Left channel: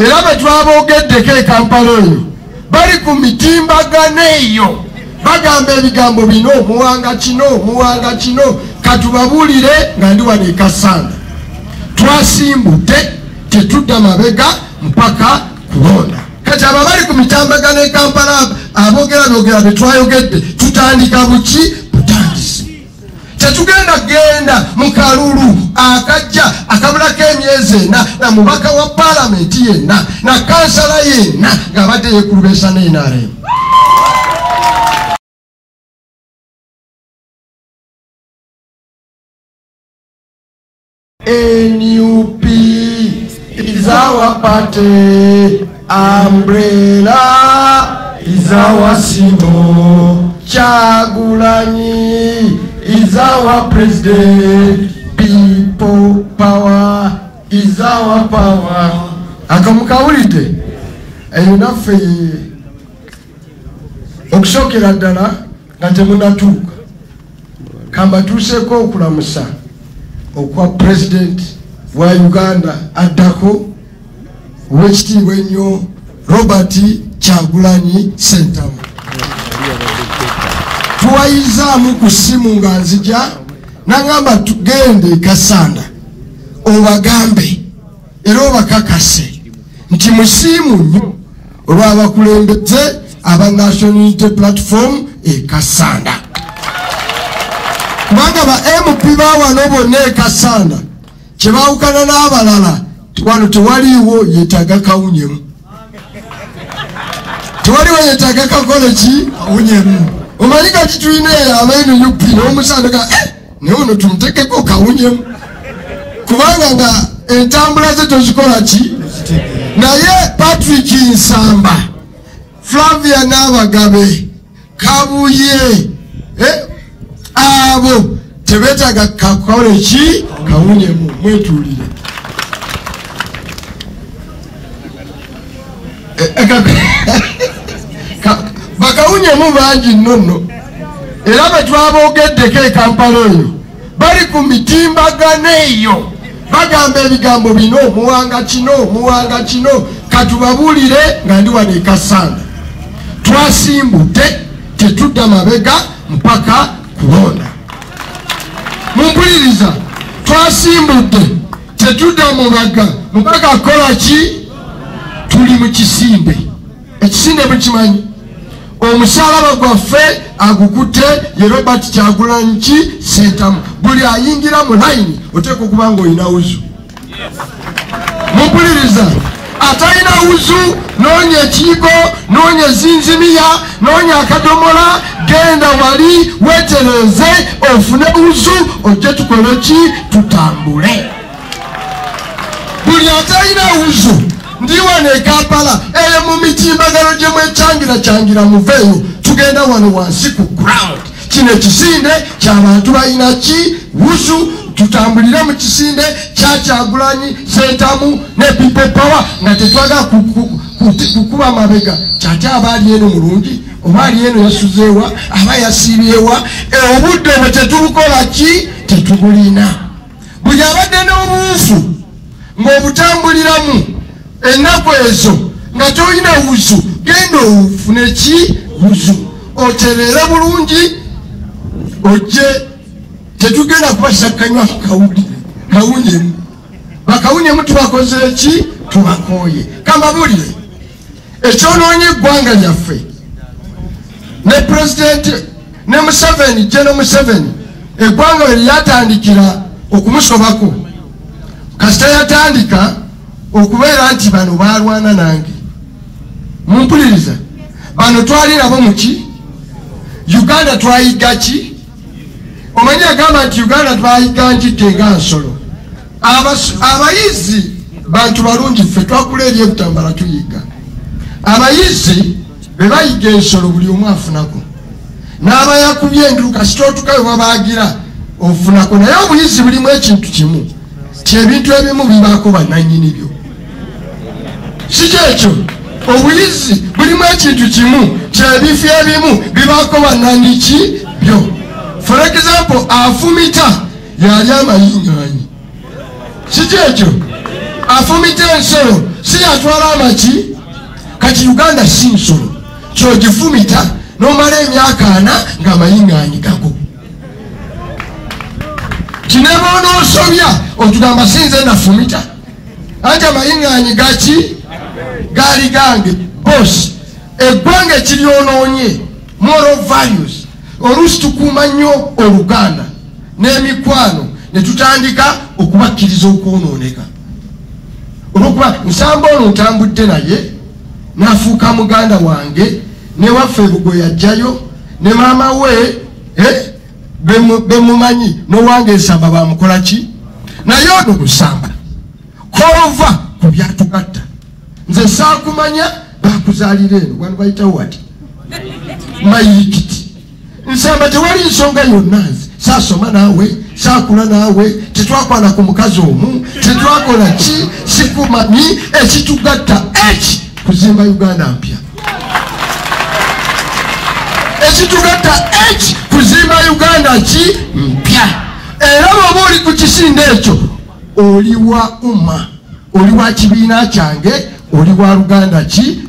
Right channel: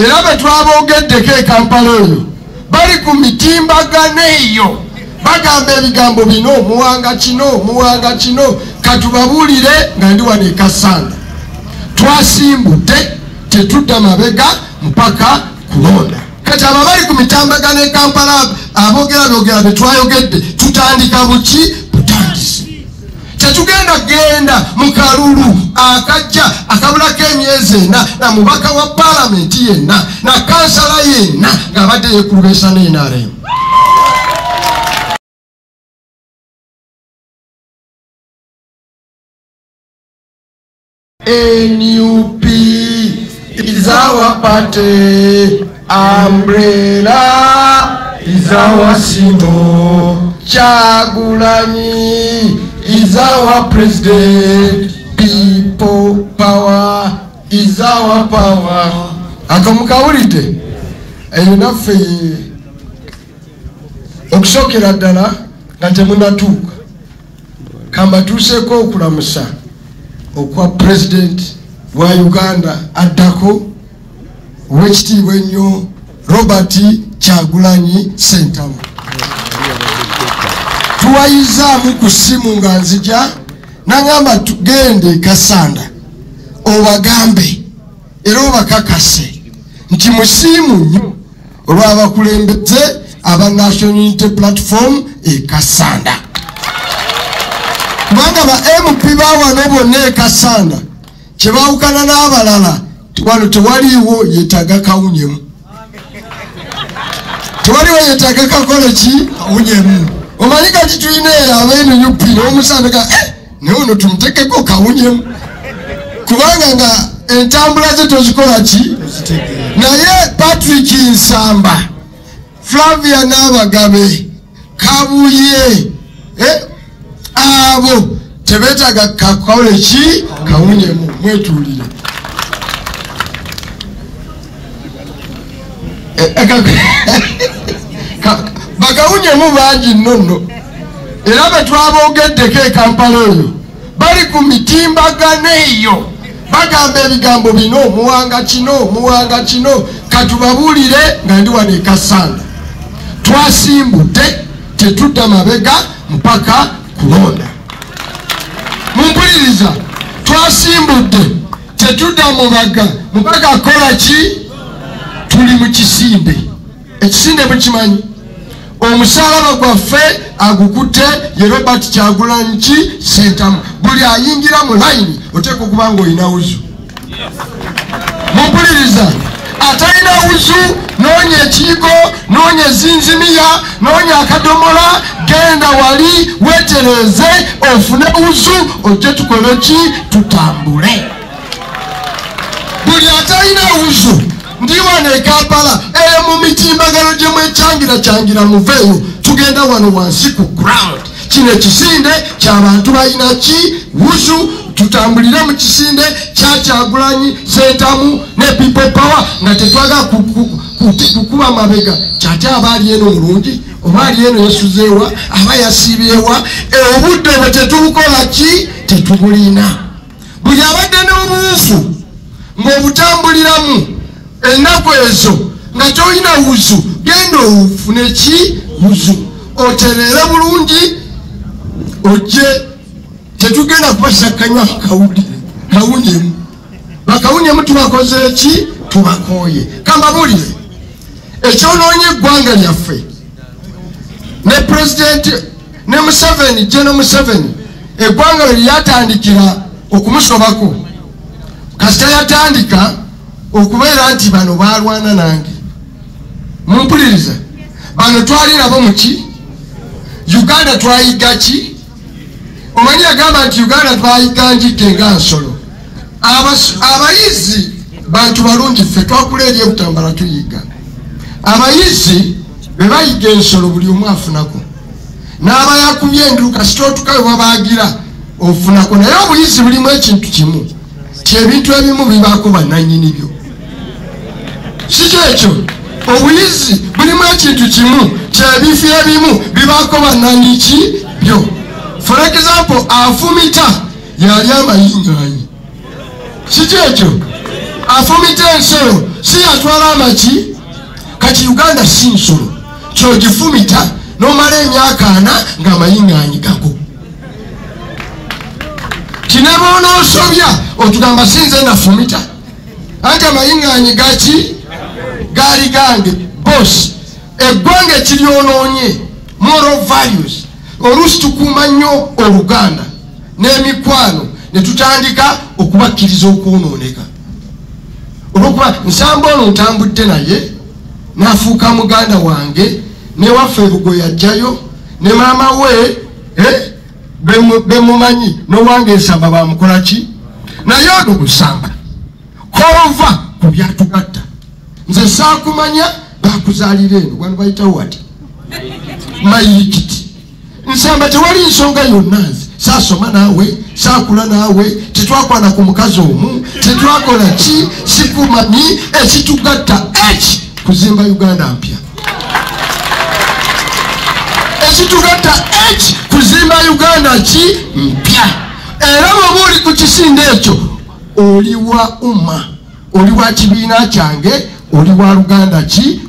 era betwabogeddeko e Kampala eyo bali ku mitimbagano eyo bagamba ebigambo bino omuwanga kino katubabuulire nga ndi wano e Kasanda twasimbudde tetudda mabega mpaka kulonda kati abo bali ku mitambagano e Kampala aboogera betwayogedde tutandika buki butandise tetugenda genda mu kalulu akajja akabulako emyezi 4 na mubaka wa palamenti yenna na kansala yenna nga badde yekulubesa n'enare NUP is our party, umbrella is our symbol, Kyagulanyi is our president, people power is our power. Akamukawulidde eyonafe okusokera ddala nga temunatuuka kambatuuseeko okulamusa okwa president wa Uganda addako owekitiibwa ennyo Robert Kyagulanyi Ssentamu. Tuwayizaamu ku ssimu nga nzija nangamba tugende Kasanda obagambe era obakakase nti musiimu nnyo olw'abakulembeze aba National Unity Platform e Kasanda. Kubanga ba MP bawano bonna e Kasanda kyebawukana n'abalala wano tewaliiwo yeetaga kawunyemu. Tewaliwo yeetaga kakole ki kawunyemu. Omanyi kati tulina aba-NUP n'omusandika naye ono tumutekeko kawunyemu kubanga nga entambula ze tozikola ki. Naye Patrick Nsamba, Flavia Nabagabe, Kabuye abo tebetaga kakole ki kawunyemu. Mwetulire bakawunyemu bangi nnono era betwabogeddeko e Kampala eyo bali ku mitimbagano eyo bagamba ebigambo bino omuwanga kino katubabuulire nga ndi wano e Kasanda twasimbudde tetudda mabega mpaka kulonda. Mumpuliriza, twasimbudde tetudda mubaga mpaka kola ki. Tuli mu kisinde, ekisinde mukimanyi omusalaba gwaffe agukutte ye Robert Kyagulanyi Ssentamu. Buli ayingira mu layini oteeka okuba nga olina wuzu. Mumpuliriza, atalina wuzu noonya ekiyigo noonya ezinzimiya noonya akadomola genda wali weetereze ofune wuzu ojje tukole ki tutambule. Buli atalina wuzu ndi wano e Kampala mu mitimbagano gye mwekyangira muveeyo tugenda wano wansi ku ground. Kino ekisinde ky'abantu balina ki wuzu tutambulire mu kisinde kya Kyagulanyi Ssentamu ne people power nga tetwagala kukuba mabega kyate abaali eno mulungi oba ali eno yasuzeewa aba yasiibyewa obudde bwe tetubukola ki tetubulina. Buli abadde n'obuwufu ng'obutambuliramu ennaku ezo nga tolina wuzu genda ofune ki wuzu oterere bulungi ojje. Tetugenda kubasakanya kawunyemu. Bakawunyemu tubakozere ki tubakooye. Kambabulire ekyonoonya eggwanga lyaffe ne president ne Museveni General Museveni eggwanga lye lyatandikira okumusobako kasita yatandika okubeera nti bano balwana nange. Mumpuliriza, bano twali nabo muki Uganda twayiga ki. Omanyi agamba nti Uganda twayiga njidde nga nsolo. Abayizi bantu balungi ffe twakula eri ebutambala tuyiga. Abayizi be bayiga ensolo buli omu afunako n'abayakubye enduka kasita otukawe babaagira ofunako. Naye obuyizi bulimu ekintu kimu kyebintu ebimu bibaako bannannyini byo. Si kyekyo obuyizi bulimu ekintu kimu kyebintu ebimu bibaako bannannyiki byo. For example, afumita yali amayingaanyi. Si kyekyo afumita ensolo si yatwala tugamba ki kati Uganda si nsolo kyogifumita nomala emyaka 4 ng'amayinganyi gago kinabona osobya otugamba sinze nafumita ate amayinganyi gaki gali gange boss eggwanga kiryonoonye moral values oluusi tukuuma nnyo Oluganda n'emikwano ne tutandika okubakkiriza okwonooneka olwokuba nsamba ono ntambudde naye n'afuuka muganda wange ne waffe Bugo yajjayo ne maama we bemumanyi n'owange ensamba bamukola ki naye ago kusamba kova ku byatugatta nze saakumanya bakuzaalira eno wano bayitawo wati mayikiti nsamba tewali nsonga yonna nze saasoma naawe saakula naawe tetwakwana ku mukazi omu tetwakola ki sikumami ekitugatta eki kuzimba Uganda mpya ekitugatta eki kuzimba Uganda ki mpya era bw'oba oli ku kisinde ekyo oli wa umma oli wa kibiina kyange oli wa Luganda ki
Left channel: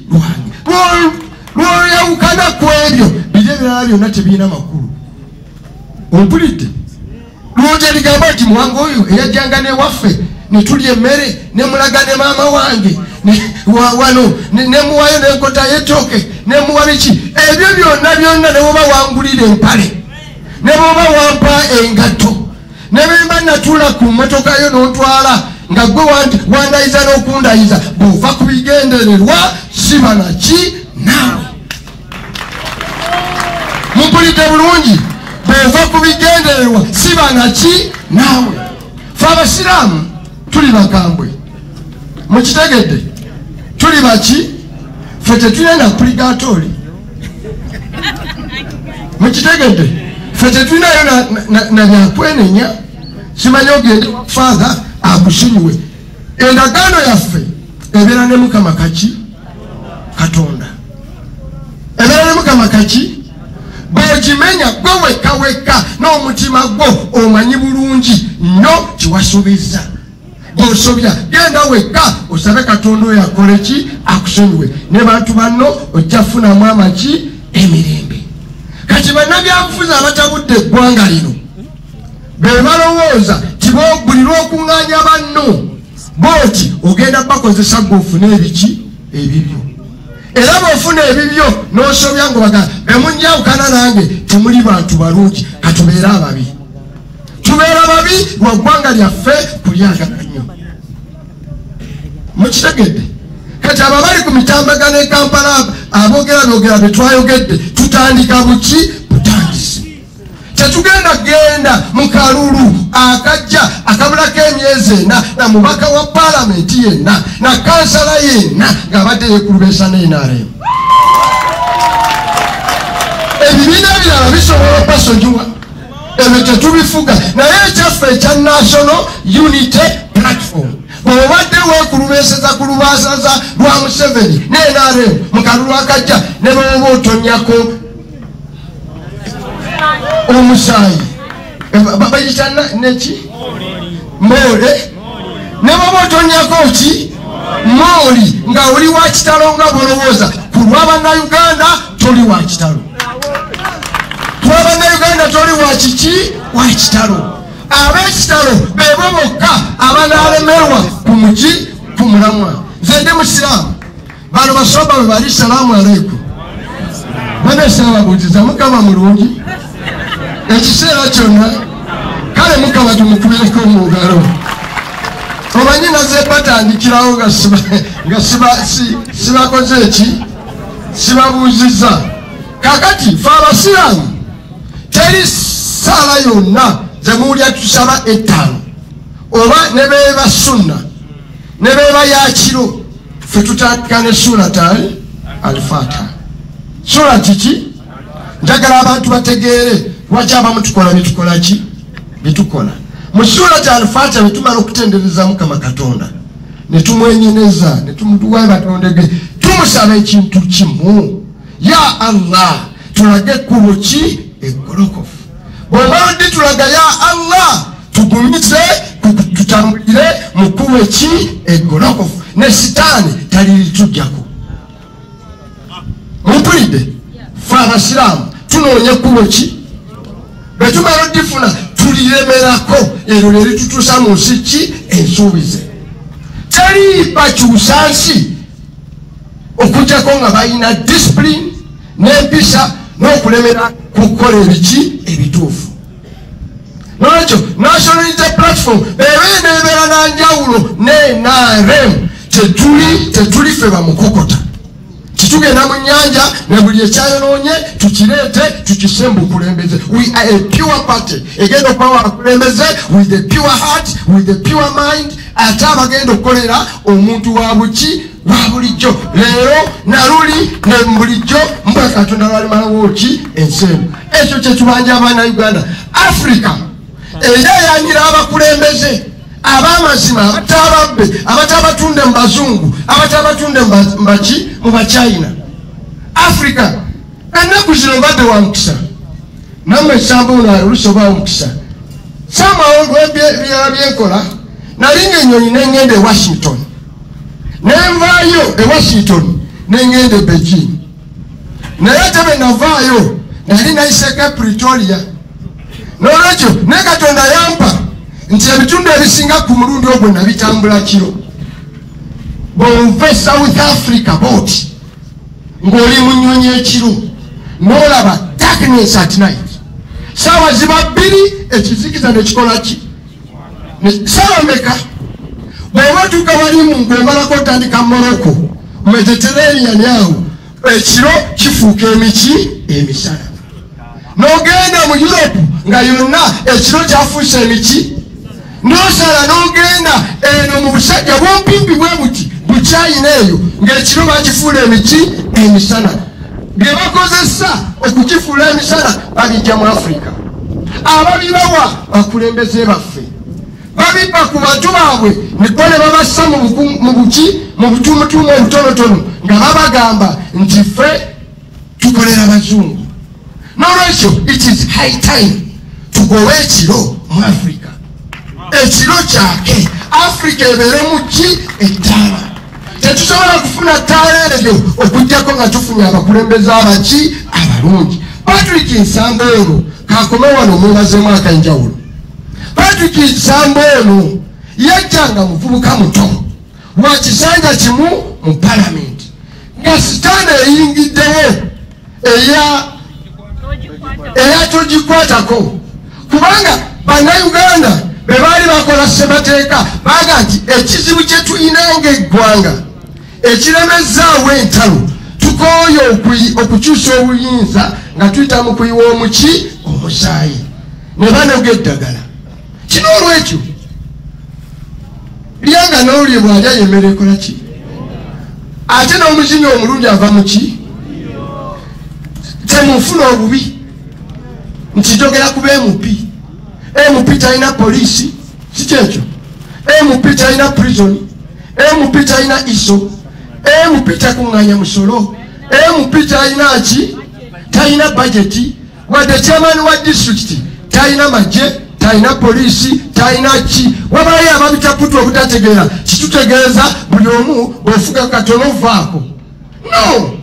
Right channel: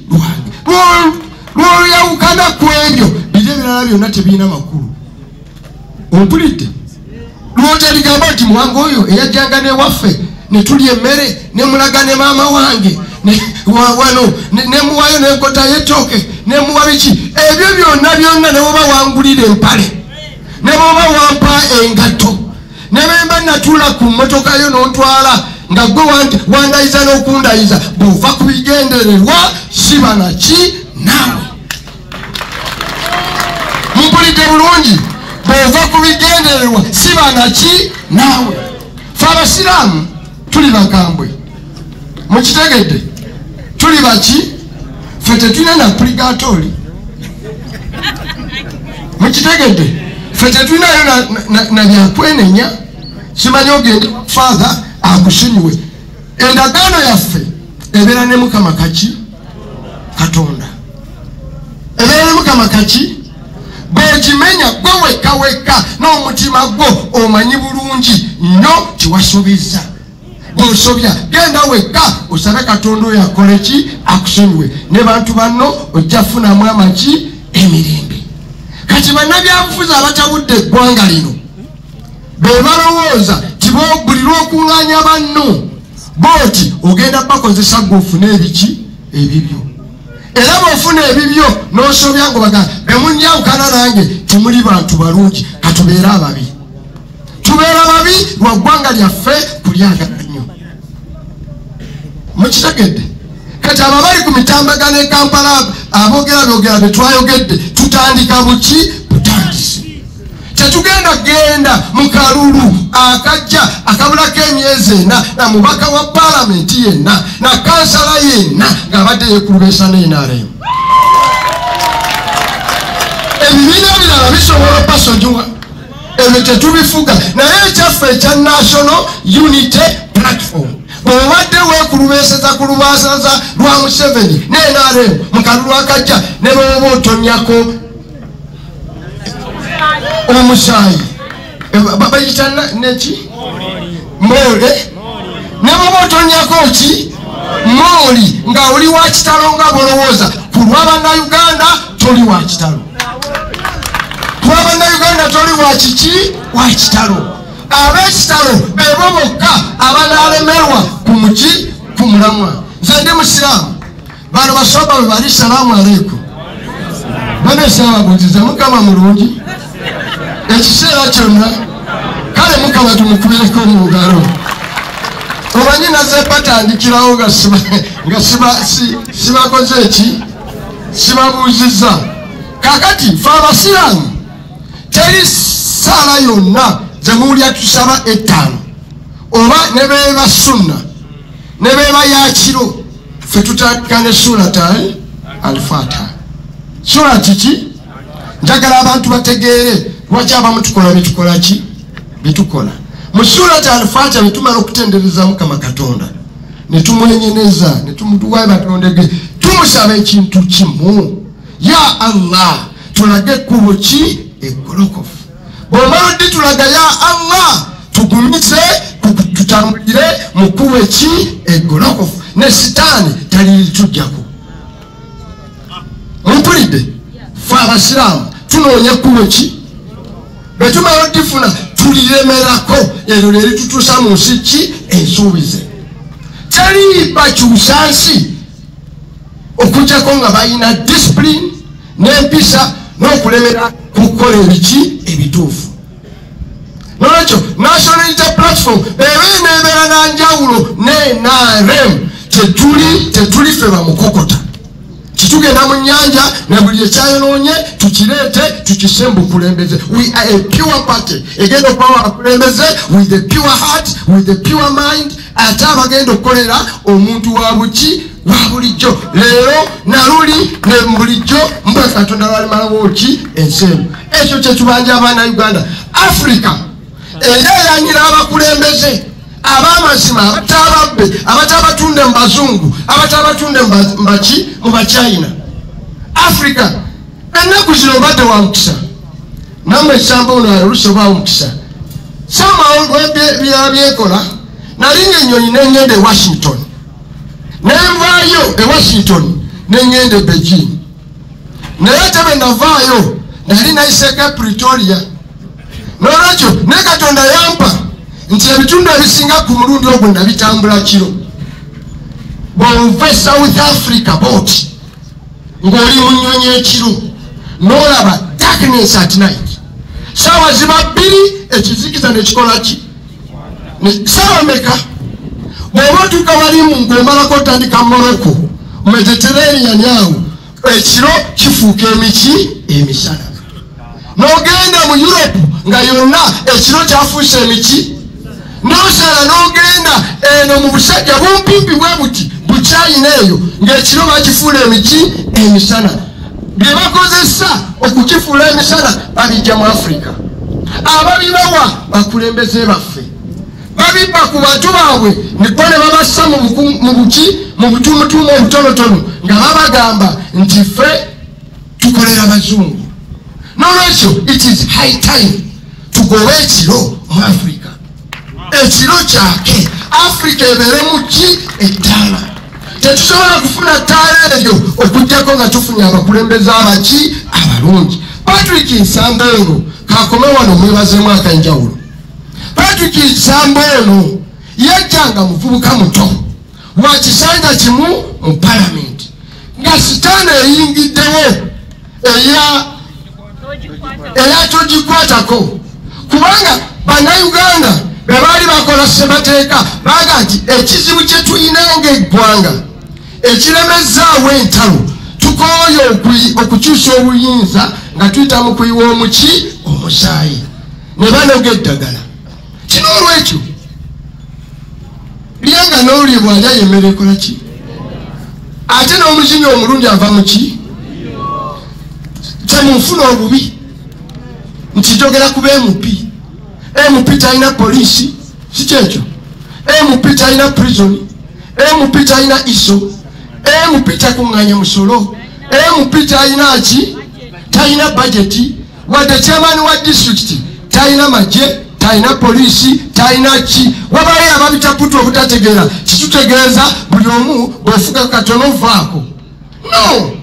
lwange lwoyawukana ku ebyo biri ebirala byonna tebiina makulu ompulidde lwoteligamba nti mwange oyo eyajjanga newaffe ne tulya emmere ne mulaga ne maama wange wano ne muwayo n'enkota y'ettooke ne muwa biki ebyo byonna ne woba wangulira empale ne boba wampa engatto ne bemba natuula ku mmotoka yo n'ontwala nga gwe wandayiza n'okundayiza bw'ova ku bigendererwa siba naki naawe mumpulidde bulungi bw'ova ku bigendererwa siba naki naawe fe abasiraamu tuli bakambwe mukitegedde tuli baki fe tetulina na purigatori mukitegedde fe tetulinayo na byakwenenya simanyi ogenda father akusonyiwe endagaano yaffe ebeera ne Mukama kaki Katonda ebeera ne Mukama kaki bwegimenya gwe wekka n'omutima gwo omanyi bulungi nnyo kiwasuubiza bw'osobya genda wekka osabe Katonda oyo akole ki akusonyiwe ne bantu banno ojja funamu amaki emirembe kati bannabyabufuzi abatabudde eggwanga lino be balowooza buli lw'okuŋŋaanya banno booti ogenda bakozesa gw'ofuna ebiki ebibyo era bw'ofuna ebibyo n'osobya ngaobaga bemunjawukana nange temuli bantu balungi katubeere ababi tubeera ababi lwa ggwanga lyaffe kulyagala nnyo mukitegedde kati abo bali ku mitambagano e Kampala aboogera byogera bye twayogedde tutandika buki butandisi tetugenda genda mu kalulu akajja akabulako emyezi 4 na mubaka wa palamenti yenna na kansala yenna ng'abadde yeekulubesa n'enaremu ebibiina birala bisobola pasojuma ebyo tetubifuga naye ekyaffe ekya national unity platform bw'obadde weekulubeseza ku lubasaza lwa Museveni n'enaremu mu kalulu akajja ne bw'oba otonyako omusaayi babayita neki mole ne bw'oba otonyako ki mooli nga oli wa kitalo nga bw'olowooza ku lw'Abannayuganda toli wa kitalo ku lw'Abannayuganda toli wa kiki wa kitalo ab'ekitalo beebo bokka abanaalemerwa ku muki ku mulamwa nze ndi musiraamu bano basoba bwe bali salaamu aleikum banesababuziza Mukama mulungi ekiseera kyonna kale Mukama tumukubireko mu ngalo omanyi naze batandikirawo nga sibakoze eki sibabuuziza kakati fe abasiraamu teri saala yonna zemuwulya tusaba 5 oba ne beeba sunna ne beeba yakiro fe tutandika ne suratal al-Fatiha sura kiki njagala abantu bategeere lwaki abamu tukola bitukola ki bitukola mu suratal al-Fatiha netumala okutendereza Mukama Katonda netumwenyeneza netumutuwayo batondege tumusaba ekintu kimu ya Allah tulage ekkubo ki eggolokofu bw'oba oddi tulaga ya Allah tugumize tutambulire mukube ki eggolokofu ne sitaani talitugyako. Mumpulidde fe abasiraamu tunoonya kkubo ki bwe tumala oddifuna tuliremerako eryo lye litutuusa mu nsi ki ensuubize. Tali bakyusa nsi okujjako nga balina discipline n'empisa n'okulemera ku kukola ebiki ebituufu. Nolwekyo National Unity Platform ebeera na njawulo n'NRM tetuli fe bamukokota. Kitugenda mu nnyanja ne buli ekyayonoonye tukireete tukisembe okulembeze. We are a pure party egenda okuba abakulembeze with a pure heart, with a pure mind, ate abagenda okukolera omuntu wa buki wa bulijjo. Leero naluli ne bulijjo mbwe Katonda balimalawo ki ensi eno. Ekyo kye tubanja abaana Uganda. Africa eyayanyira abakulembeze abamazima abatababbe abatabatunde mu bazungu abatabatunde mu Bachina. Africa ennaku zino badde wa mukisa namwe esamba ono olusoba wa mukisa samawongo byekola nalinga ennyonyi nengenda e Washington nenvaayo e Washington nengenda e Beijing naye tebe navaayo nali nayiseka Pretoria. Nolwekyo ne Katonda yampa nti ebitundu ebisinga ku mulundi ogwo nabitambula kiro. Bw'ova South Africa boat ng'oli mu nnyonyi ekiro n'olaba darkness at night. Saawa ziba bbiri ekizikiza ne kikola ki? Saawa mmeka? Bw'oba otuuka balimu ng'omalako otandika Morocco Mediterranean awo ekiro kifuuka emiki emisana. N'ogenda mu Europe nga yonna ekiro kyafuuse emiki. N'osala n'ogenda eno mu busajja bumpimpi bwe buti Buchina eyo ng'ekiro bakifuula emiki emisana. Bye bakozesa okukifuula emisana babijja mu Africa. Ababibawa bakulembeze baffe babibba ku bantu baabwe niko ne babassa mu butumutumu obutonotono nga babagamba nti ffe tukolera abazungu. Nolwekyo it is high time tugobe ekiro mu Africa. Ekiro kyake Africa ebeere mu ki ettaala. Tetusobola kufuna ttaala eyo okujjako nga tufunye abakulembeze abaki abalungi. Patrick Nsamba eno kakome wano mwebazemu akanjawulo. Patrick Nsamba eno yajjanga muvubuka muto wa kisanja kimu mu palamenti nga sitaani eyingiddewo eya togikwatako kubanga bannayuganda be baali bakola ssemateeka baga nti ekizibu kye tulina ng'eggwanga ekiremezaawo entalo tukooye okukyusa obuyinza nga tuyita mu kuyiwa omuki omusaayi ne banoga eddagala. Kino olwekyo lyanga n'olye bwalya yemmere ekola ki? Ate n'omuzinyi omulungi ava mu ki? Temunfuna obubi nti njogera ku MP. MP talina poliisi si kyekyo. MP talina prison. MP talina iso. MP takuŋŋaanya musolo. MP talina ki? Talina budgeti. Wadde chairman wa district talina magye, talina poliisi, talina ki? Wabaali ababitaputa obutategeera kitutegeeza buli omu bw'ofuga katono vaako. No!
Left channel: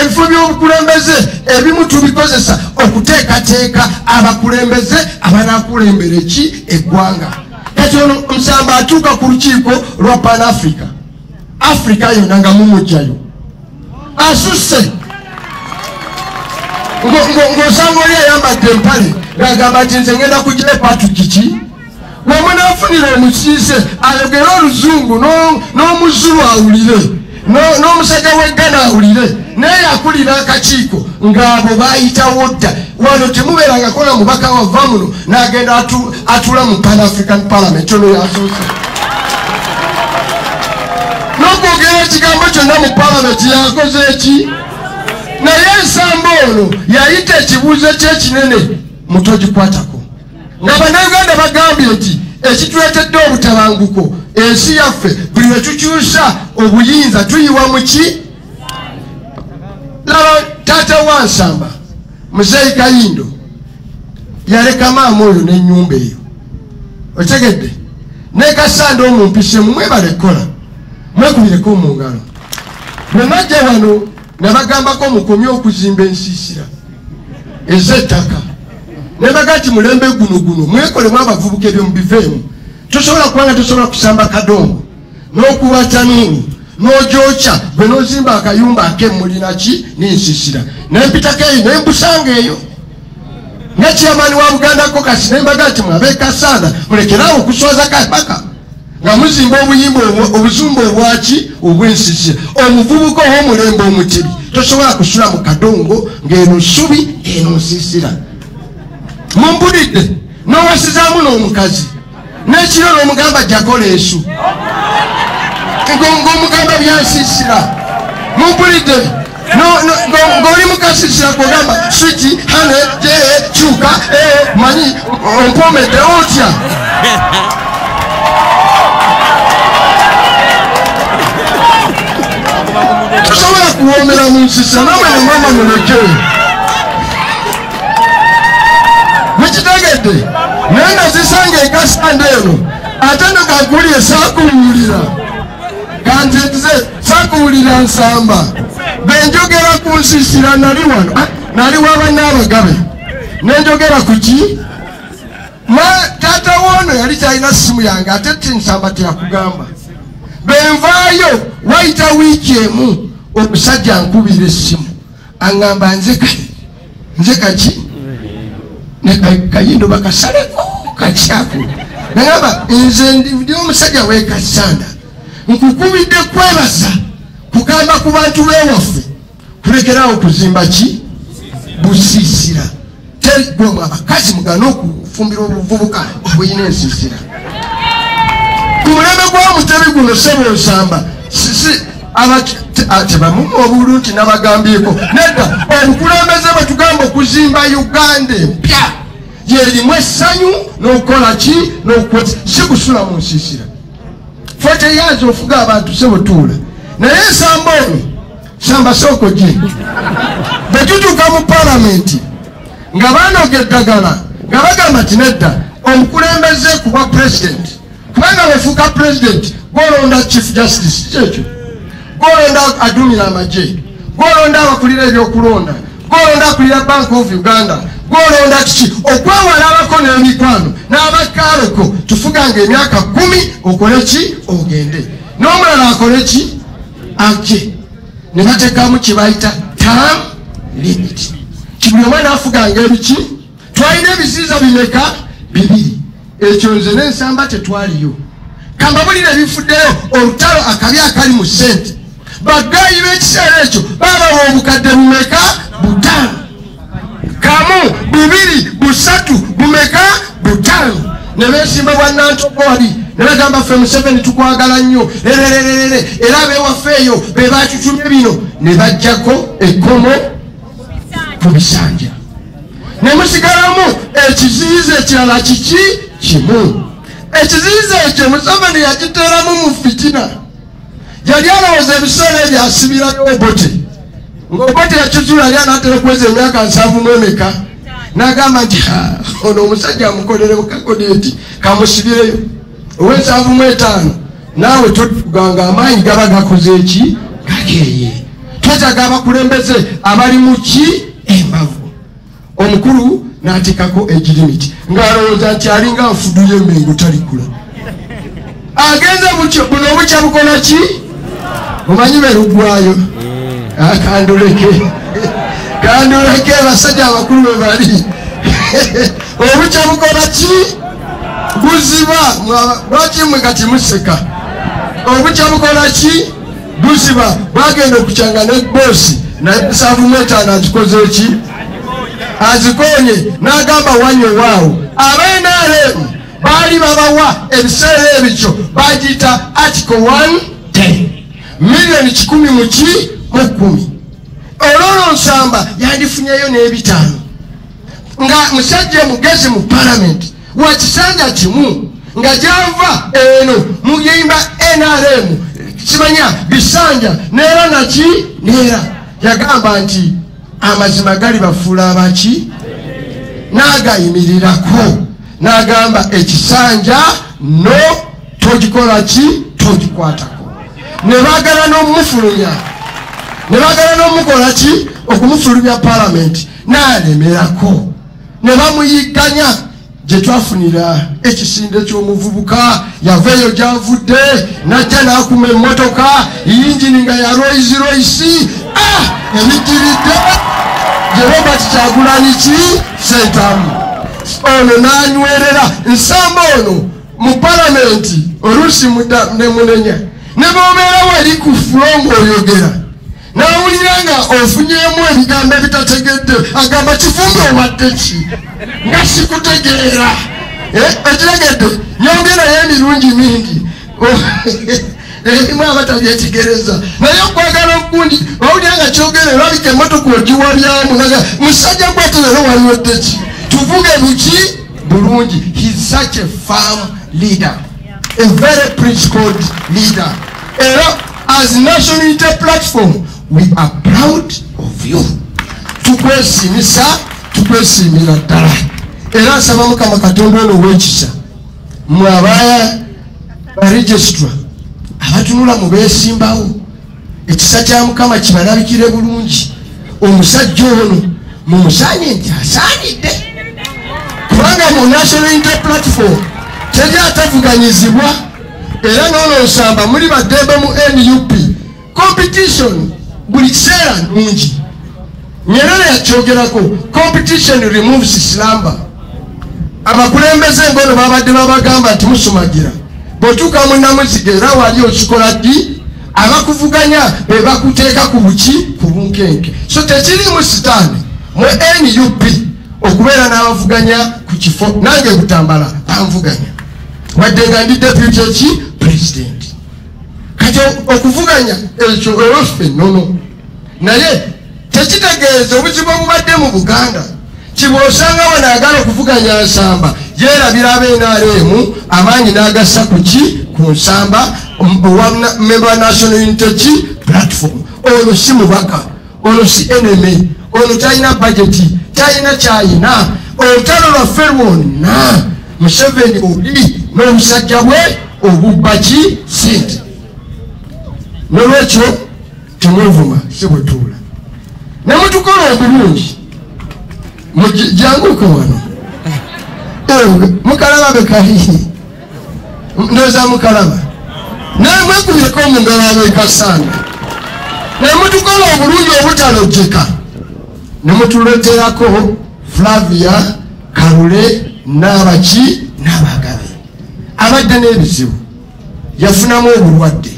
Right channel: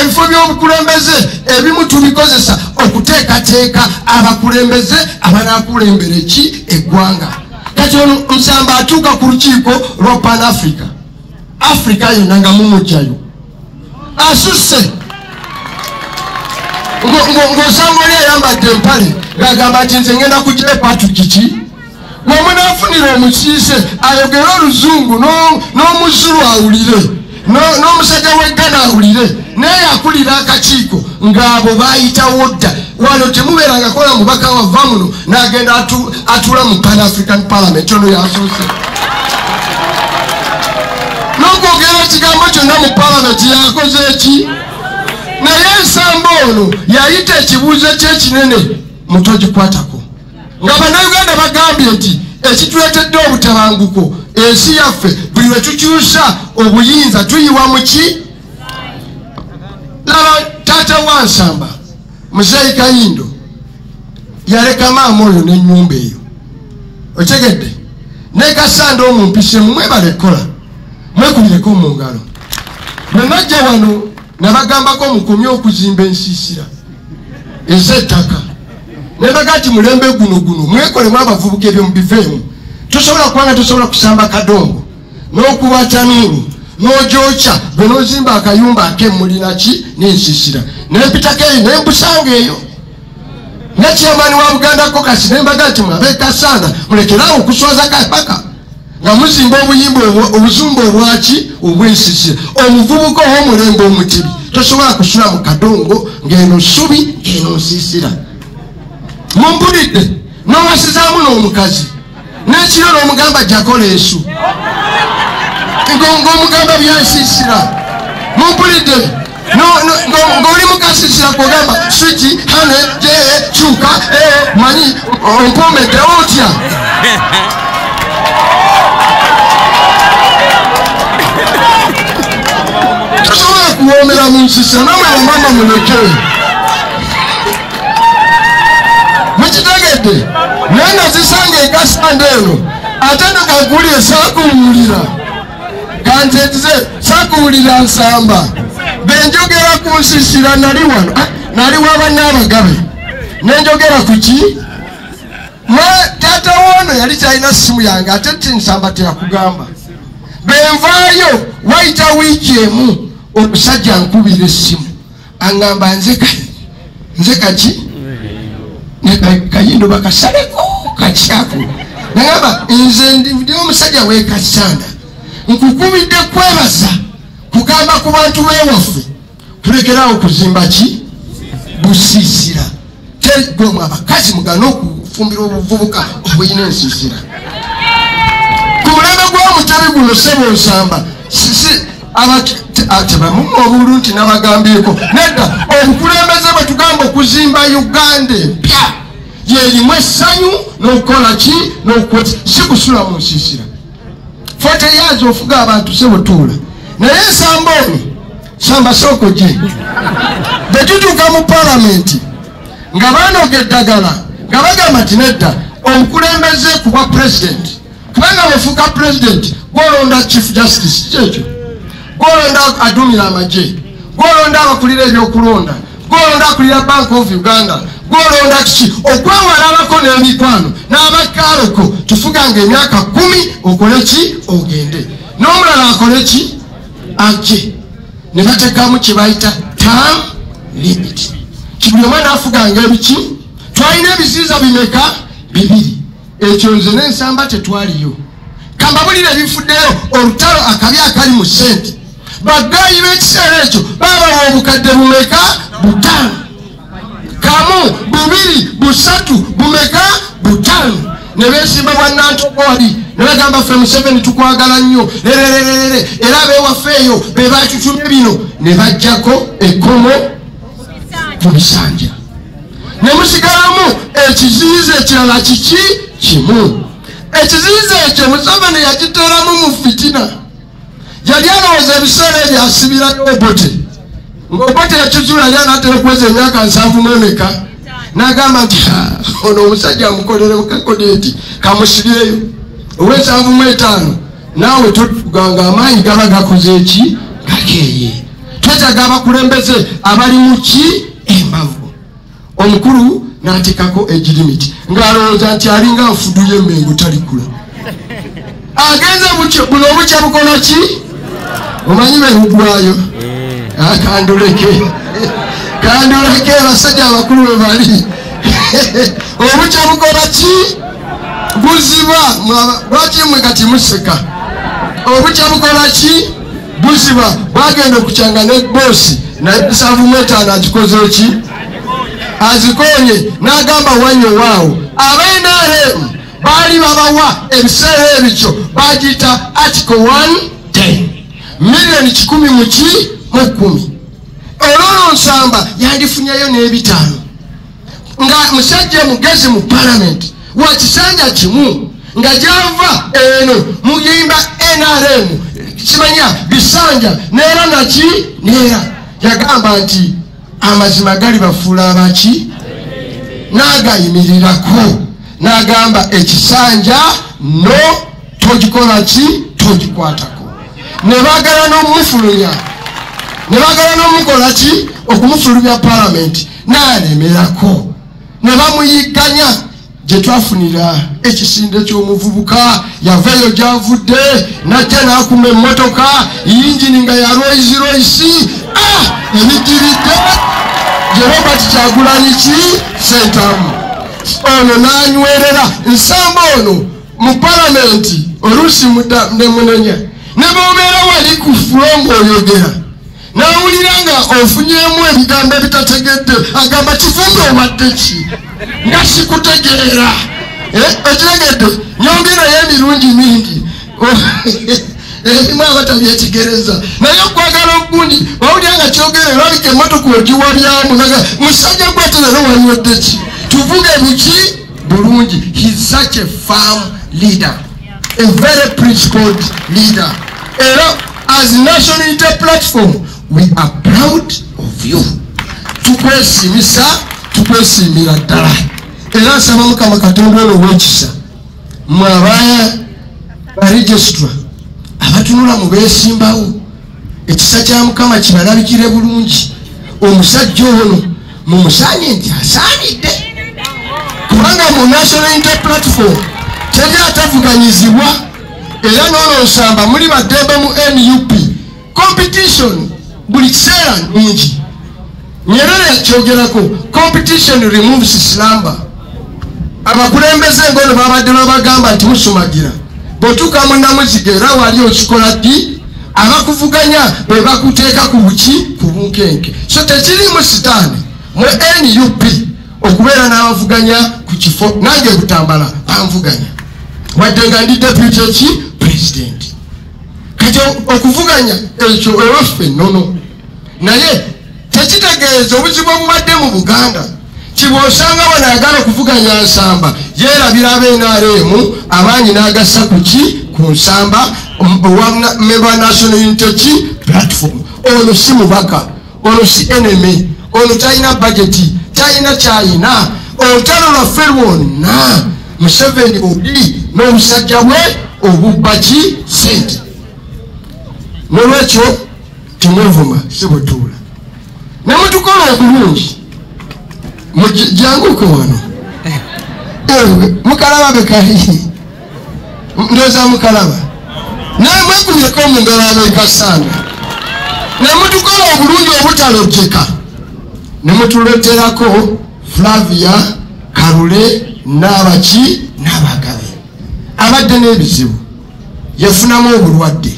Ebifo by'obukulembeze ebimu tubikozesa okuteekateeka abakulembeze abanaakulembera ki eggwanga. Kati Nsamba atuuka ku lukiiko lwa Pan Africa. Africa yonna nga mumugjayo asusse ng'osanga oli ayambadde empale ng'agamba nti nze ngenda kugira Patrick ki wamunaafunira omusiise ayogere oluzungu n'omuzulu awulire n'omusajja w'eggana awulire naye akulira akakiiko ng'abo baayitawo dda. Wano temubeeranga kola mubaka wava muno n'agenda atula mu Pan African Parliament ono yasoose n'okwogera ekigambo kyonna mu Parliament yakoze eki. Naye Nsamba ono yayita ekibuuzo kyekinene mutogikwatako nga bannayuganda bagambye nti ekituleetedde obutabanguko ensi yaffe buli lwe tukyusa obuyinza tuyiwa mu ki? Laba taata wa Nsamba Muzeeyi Kayindo yaleka maama oyo n'ennyumba eyo otegedde ne Kasanda omumpise mwe balekola mwekubireko mu ngalo bwe najja wano nabagambako mukomye okuzimba ensiisira ez'ettaka nebagati mulembe guno mwekolemu abavubuka ebyo mubiveemu tosobola kubanga tosobola kusamba kadongo n'okuwata nini n'ogyokya gwe n'ozimba akayumba ak'emmulinaki n'ensiisira nempitako eyo nembusanga eyo nekyamaani wa Bugandako kasi nembaga ti mwabe Kasanda mulekerawo okuswaza kapaka nga muzimba obuzumba obwaki obwensiisira omuvubuka ow'omulembe omutibi tosobola kusula mu kadongo ng'eno nsubi eno nsiisira mumpulidde n'owasizaamu n'omukazi n'ekiro n'omugamba jakola esu ng'omugamba byansiisira mumpulidde ng'oli mukasiisira kugamba switi hane jeye kyuka manyi onkomedde otya tosobola kuwoomera mu nsiisa n'omwana mulekewe mukitegedde naye nazisanga ekasanda eno ate nogagulye saakuwulira kanzetize saakuwulira nsamba benjogera ku nsiisira nali wano nali wabanaabagabe nenjogera ku ki taata woono yali kyalina simu yange ate tinsamba teyakugamba benvaayo wayita wiiki emu omusajja nkubira essimu aŋŋamba nze kaki kayindo bakasaleko kakyaku nagamba nze ndi omusajja w'ekasanda nkukubidde kwebaza kugamba ku bantu b'ewaffe tulekerawo okuzimba ki busiisira teri gwomu abakazi mugana okufumbira obuvubuka obulina ensiisira ku mulembe gw'omutabi guno sebo nsamba tebamumu obulu nti nabagambyeko nedda obukulembeze bwe tugamba okuzimba Uganda empya yerimu essanyu n'okukola ki n'okukozi si kusula mu nsiisira fe teyaza ofuga abantu sebotuula naye ensamba ono samba sooko gye bwe tutuuka mu palamenti nga banoga eddagala nga bagamba ti nedda omukulembeze kuba pulezidenti kubanga bwefuuka pulezidenti gwolonda chief justice kyekyo gwolonda adumira amagye gwolonda abakulira ebyokulonda gwolonda akulira Bank of Uganda gwolonda kiki okwewalalako n'emikwano n'abakaloko tufuganga emyaka 10 okole ki ogende n'omulala akole ki ajje ne batekamu kye bayita term limit kigulema naafuganga ebiki twalina ebiziiza bimeka 2 ekyo nze n'ensamba tetwaliyo kambabulira ebifuddeyo olutalo akabi akali mu ssente bagaayi b'ekiseera ekyo babawa obukadde bumeka 5 kamu 2 3 bumeka 5 ne beesimba bannantogwali ne bagamba ffe Museveni tukwagala nnyo era abeewafeeyo be batutumye bino ne bajjako ekkomo ku bisanja ne musigalamu ekiziyiza ekirala kiki kimu ekiziyiza ekyo Museveni yakiteeramu mu fitina yali alowooza ebiseera ebyo asibirayo Obote ng'Obote yakizuula yali anaatera okuweza emyaka 7 n'agamba nti ono omusajja amukolereko kakodenti kamusibireyo ow'e5 naawe toganga amaanyi gaba gakoze eki gakeeye twetaaga abakulembeze abali mu ki embavu omukulu n'ateekako egirimiti ng'alowooza nti alinga nfuduye emmengo talikula agenze buno obukya bukola ki omanyi berugwayo kanduleke basajja abakulu bwe bali obukya bukola ki buziba lwaki mwe kati museka obukya bukola ki buziba bwagenda okukyanga ne boosi naye 7 agikoze eki azikonye n'agamba wanywe waawo abendeeremu baali babawa ebiseera ebikyo bagiyita article 110 miliyoni 10,010 olwolwo nsamba yandifunyeyo n'5 nga musajja mugezi mu palamenti wa kisanja kimu nga gyava eno mugimba NRM kimanya bisanja neera naki neera yagamba nti amazima gali bafuula abaki n'agayimirirako n'agamba ekisanja no togikola ki togikwatako ne bagala n'omufulunya ne bagala n'omukola ki okumufulumya parliament n'alemerako ne bamuyiganya gye twafunira ekisinde ky'omuvubuka yaveeyo gy'avudde najja n'akuma emmotoka yingini nga ya Rolls Royce emikiridde gye Robert Kyagulanyi Ssentamu ono n'anywerera nsamba ono mu palamenti oluusi nemunenya ne bw'obeera wali ku fulo ng'oyogera n'awulira nga ofunyemu ebigambo ebitategedde agamba kifumbe owadde ki nga sikutegeera ekitegedde nyongerayo emirundi mingi abatabyekigereza naye okwagala ogundi owulira nga kyogera olabika emmotoka ogiwabyamu musajja mboterero waliwedde ki tuvuge biki bulungi. He's such a firm leader, a very principled leader. As National Unity Platform, we are proud of you. Tukwesimisa, tukwesimira ddala. Era nsaba Mukama Katonda ono w'ekisa mwabaya baregistra abatunula mu beesimbawo ekisa kya Mukama kibalabikire bulungi. Omusajja ono mumusaanye nti asaanidde kubanga mu National Unity Platform teri atavuganyizibwa era n'olwo nsamba muli baddembe mu NUP competition buli kiseera nyingi. Nyerere yakyogerako competition removes slumber. Abakulembeze ngono babadde babagamba nti musumagira bw'otuuka mu Namuzige era wali okikola ddi abakuvuganya bwe bakuteeka ku buki ku bunkenke. So tekirimu sitaani mu NUP okubeera n'abavuganya ku kifo nange Butambala banvuganya wadde nga ndi deputy president. Kati okuvuganya ekyo ewaffe nnono naye tekitegeeza obuzibu obubadde mu Buganda kibwosanga banaagala okuvuganya nsamba yeerabira ab'NRM abanyi n'agassa ku ki ku nsamba owa National Unity Platform. Ono si mubaka, ono si enemy, ono talina budgeti, talina kyayina, olutalo lwaffe lwonna Museveni oli n'omusajja bwe obubba ki ssente. Nolwekyo temwevuma si butuula ne mutukola obulungi janguko wano mukalaba bekali ndoza mukalaba namwegumyeko mungalo abekasanga ne mutukola obulungi obutalojeka ne mutuloterako Flavia Karule n'abaki n'abagabe abadde n'ebizibu yafunamu obulwadde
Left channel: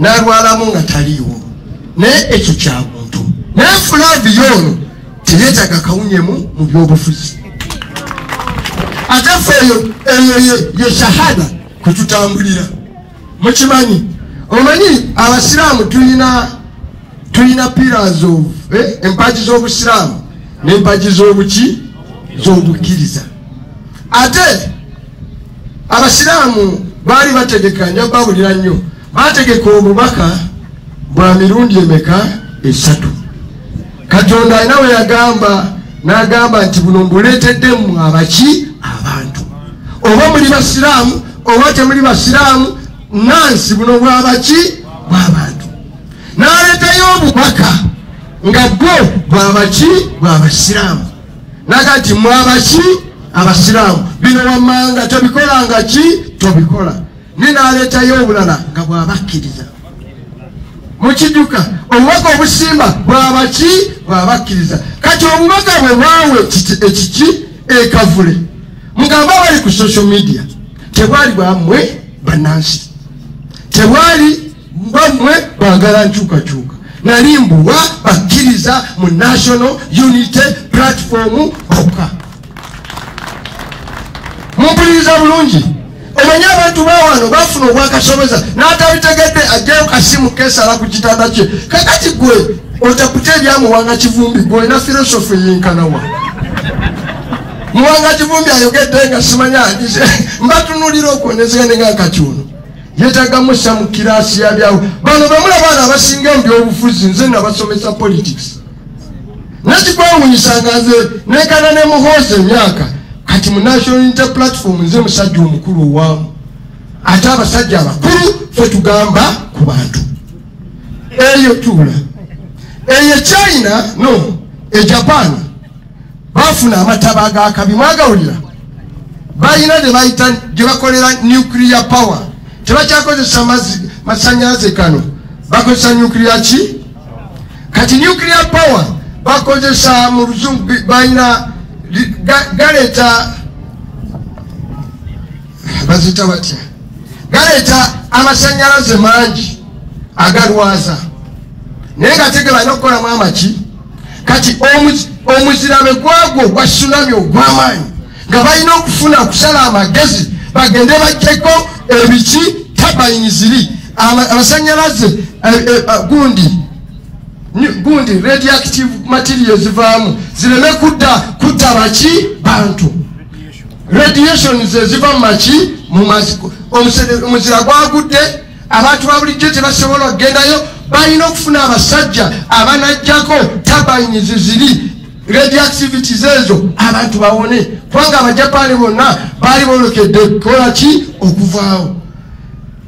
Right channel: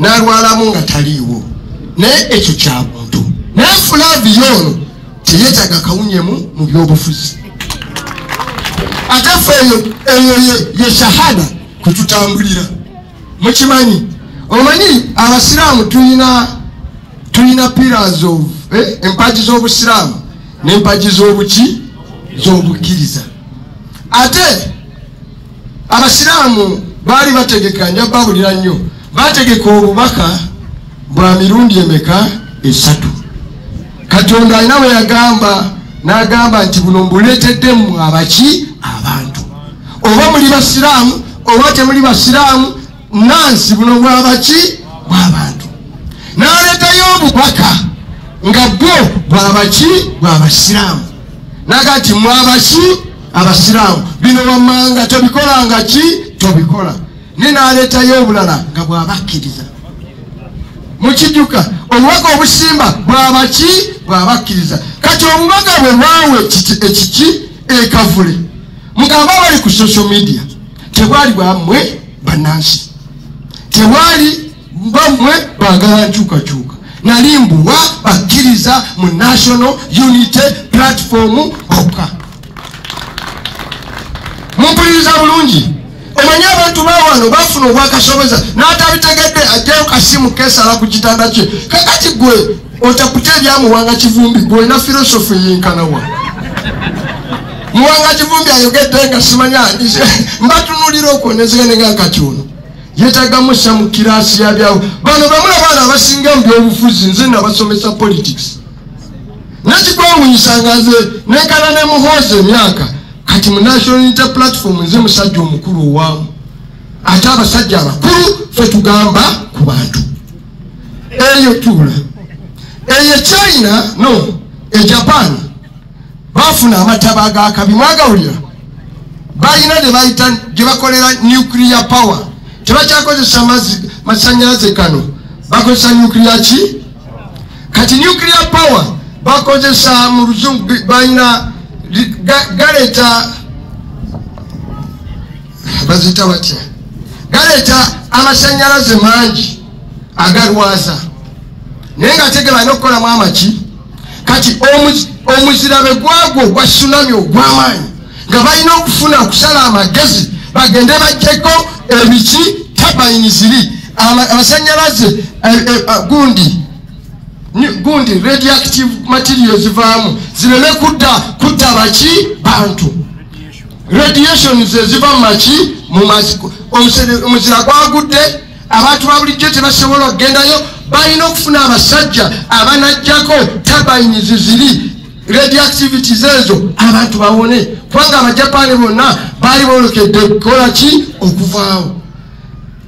n'alwalamu nga taliiwo naye ekyo kya muntu naye Flavia ono teyetaaga kawunyemu mu byobufuzi agafa eyo ye shahada kututambulira mukimanyi omanyi abasiraamu tulina pillars of empaji z'obusiraamu n'empaji z'obuki z'obukkiriza ate abasiraamu baali bategeka nja babulira nnyo bategeka obubaka bwa mirundi emeka 3 Katonda alina we yagamba n'agamba nti buno mbuleeteddemu abaki abantu oba muli basiraamu oba temuli basiraamu nansi buno bwabaki bw'abantu n'aleetayo obubaka nga bwo bwabaki bw'abasiraamu nagati mwabaki abasiraamu bino wammanga tobikolanga ki tobikola n'aleetayo obulala nga bw'abakkiriza mukijuka obubaka obusimba bwabaki bwabakkiriza kati obubaka bwe bwawe ekiki ekavule mugamba bali ku social media tebali bwamwe banansi tebali bamwe bagala nkyukakyuka nali mbuwa bakkiriza mu National Unity Platform okka mumpuliriza bulungi omanyi abantu bawano bafuna obwakasobeza n'atabitegedde ajjayo kasimu kesala ku kitanda kye kakati gwe otakuta ebyamuwanga Kivumbi gwe na filosofi yenkanawa muwanga Kivumbi ayogedde nga simanya mbatunulira okwonezene nga kakyuno yetagamusa mu kirasi yabyawo bano bamulabaana abasinga mu byobufuzi nze nabasomesa politics nakigwawunyisa nga nze nenkana ne muhooza emyaka kati mu National Unity Platform nze musajja omukulu owaamu ate abasajja abakulu fe tugamba ku bantu eyo tula eyo China no Japan bafuna amataba ga kabi mwagawulira bayina de bayita gye bakolera nuclear power tebakyakozesa masanyalaze kano bakozesa nuclear ki kati nuclear power bakozesa mu luzungu bayina galeta bazita batya galeta amasanyalaze mangi agalwaza naye nga tegera n'okukola amaki kati omuzirabe gwagwo gwa tsunami ogw'amaanyi nga balina okufuna kusala amagezi bagende bajjeko ebiki turbine ziri amasanyalaze gundi radioactive materials zivaamu zireme kudda baki bantu radiation ziva mu maki mu maziko omuzira gwagudde abantu babulijjo tebasobola okugendayo balina okufuna abasajja abanajjako turbine ziri radioactivities ezo abantu bawone kubanga abajapani bonna baali bolokedde kukola ki okuvaawo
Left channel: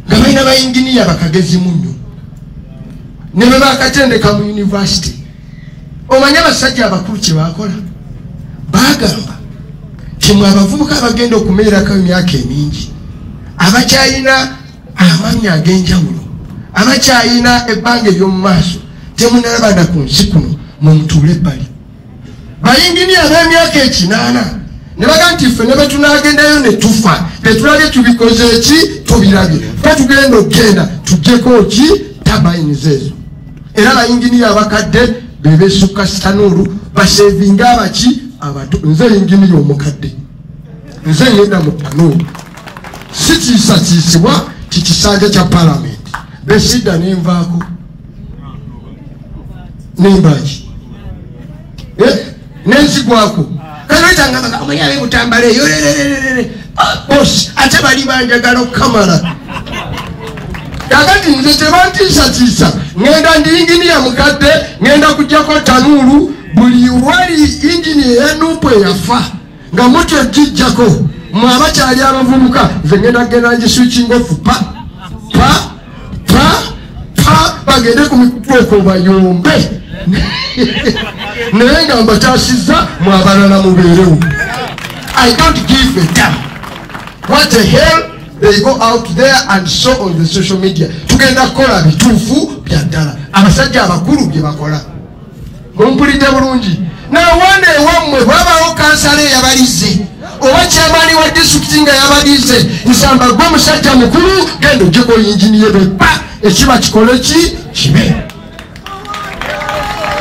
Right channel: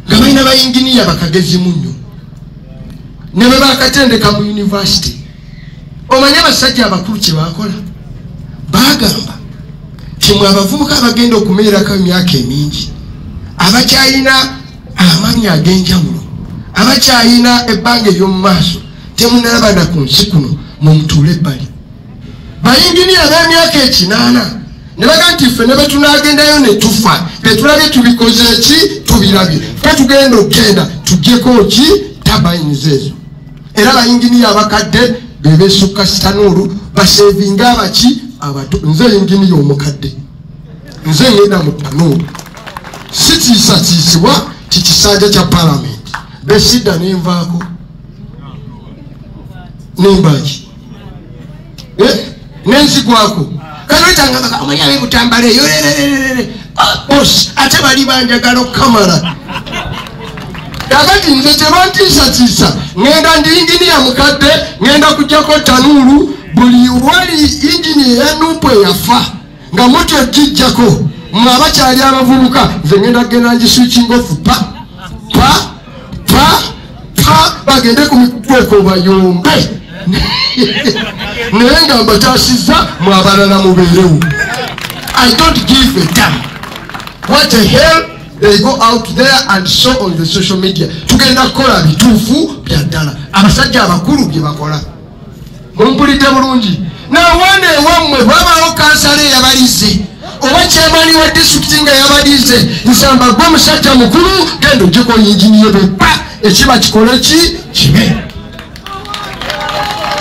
nga balina bayinginiya bakagezi munnyo ne bwe bakatendeka mu university omanye abasajja abakulu kye bakola bagamba timwe abavubuka bagenda okumeerako emyaka emingi abakyalina amanyi ag'enjawulo abakyalina ebbanga ery'omu maaso temunalabana ku nsi kuno mumutuule ebbali bayinginiya b'emyaka 8 ne baga nti ffe ne betunagendayo ne tufa tetulabye tubikoze eki tubirabye fe tugenda okgenda tuggyeko ki tabayiniza ezo era bayinginiya abakadde bebesukka sitanuulu basevinga abaki abato nze yinginiya omukadde nze ngenda mu tanuulu sitiisatiisibwa tikisanja kya palamenti besidda nenvaako nembaki nenzigwako kalwetanga omanyabe butambala eyo bos ate bali banjagala okukamala kakati nze tebantiisatiisa ngenda ndi inginiya mukadde ngenda kujjako tanuulu buli wali ingini eyanuupu eyafa nga muti ejijjako mwe abakyali abavubuka nze ngenda kgenda ngiswikinga ofu pa bagende ku mikutueko bayombe naye nga mbataasizza mwe abalala mubeerewo. I don't give a damn what the hell they go out there and show on the social media. Tugenda kukola bituufu bya ddala abasajja abakulu bye bakola mumpulidde bulungi nawane ewammwe babawo kansala eyabalize oba kyemani wa disitulikiti nga yabalize nsamba gwe musajja mukulu genda ogyeko yinginiye bepa ekiba kikole ki kibe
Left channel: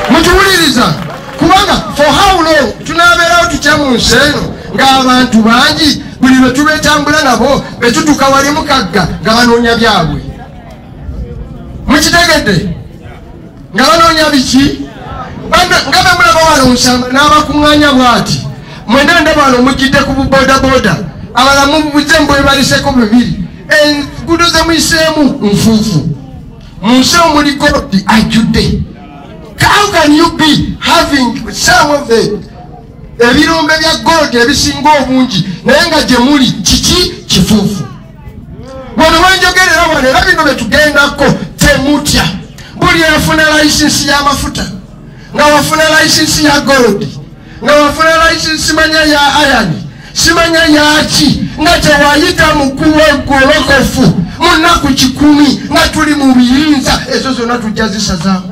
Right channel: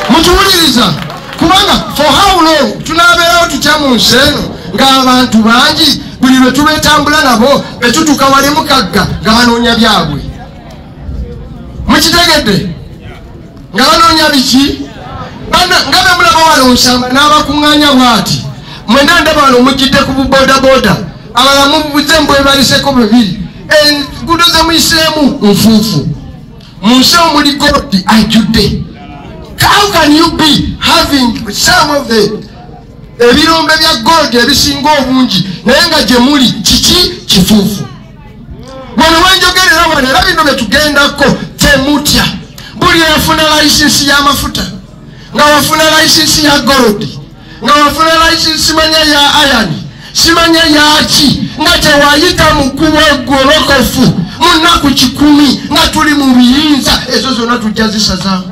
mutuwuliriza kubanga for how long tunabeerawo tutya mu nsi eno ng'abantu bangi buli lwe tulwetambula nabo betutuka bali mukagga nga banoonya byabwe mukitegedde nga banoonya biki nga bamulaba wala onsamba n'abakuŋŋaanya bwati mwena ndaba wala omujjidde ku buboodabooda abala mubuze mbwebaliseko bibiri enguudo ze muyiseemu nfuufu mu nsi omuli golodi ajjudde. How can you be having some of the ebirombe bya gold ebisinga obungi naye nga gye muli kiki kifuufu? Wano wanjogerera wano era bino bye tugendako temutya buli yafuna layisinsi y'amafuta nga wafuna layisinsi ya gold nga wafuna layisinsi manya ya iron simanya yaki nga tewayita mukubo egolokofu mu nnaku 10 nga tuli mu biyinza ezo zonna tujja zisazamu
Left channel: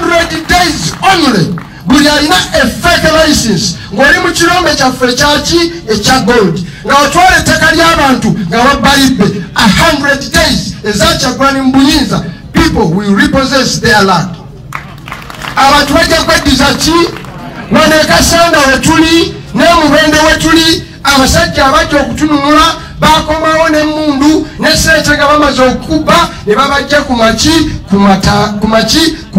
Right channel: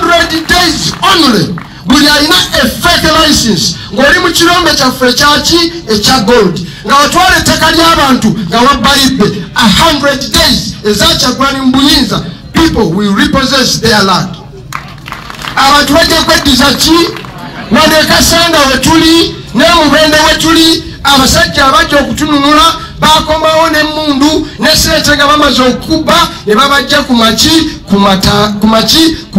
100 days only. Buli alina a fake license ng'oli mu kirombe kyaffe ekyaki ekya gold nga watwala ettaka ly'abantu nga wabbalibbe 100 days ezakyagwani mu buyinza people will repossess their land. Abantu bajja kweddiza ki wanekasanda wetuli nemubende wetuli abasajja abajja okutununula bakomawo n'emmundu n'esente nga bamaze okubba ne babajja ku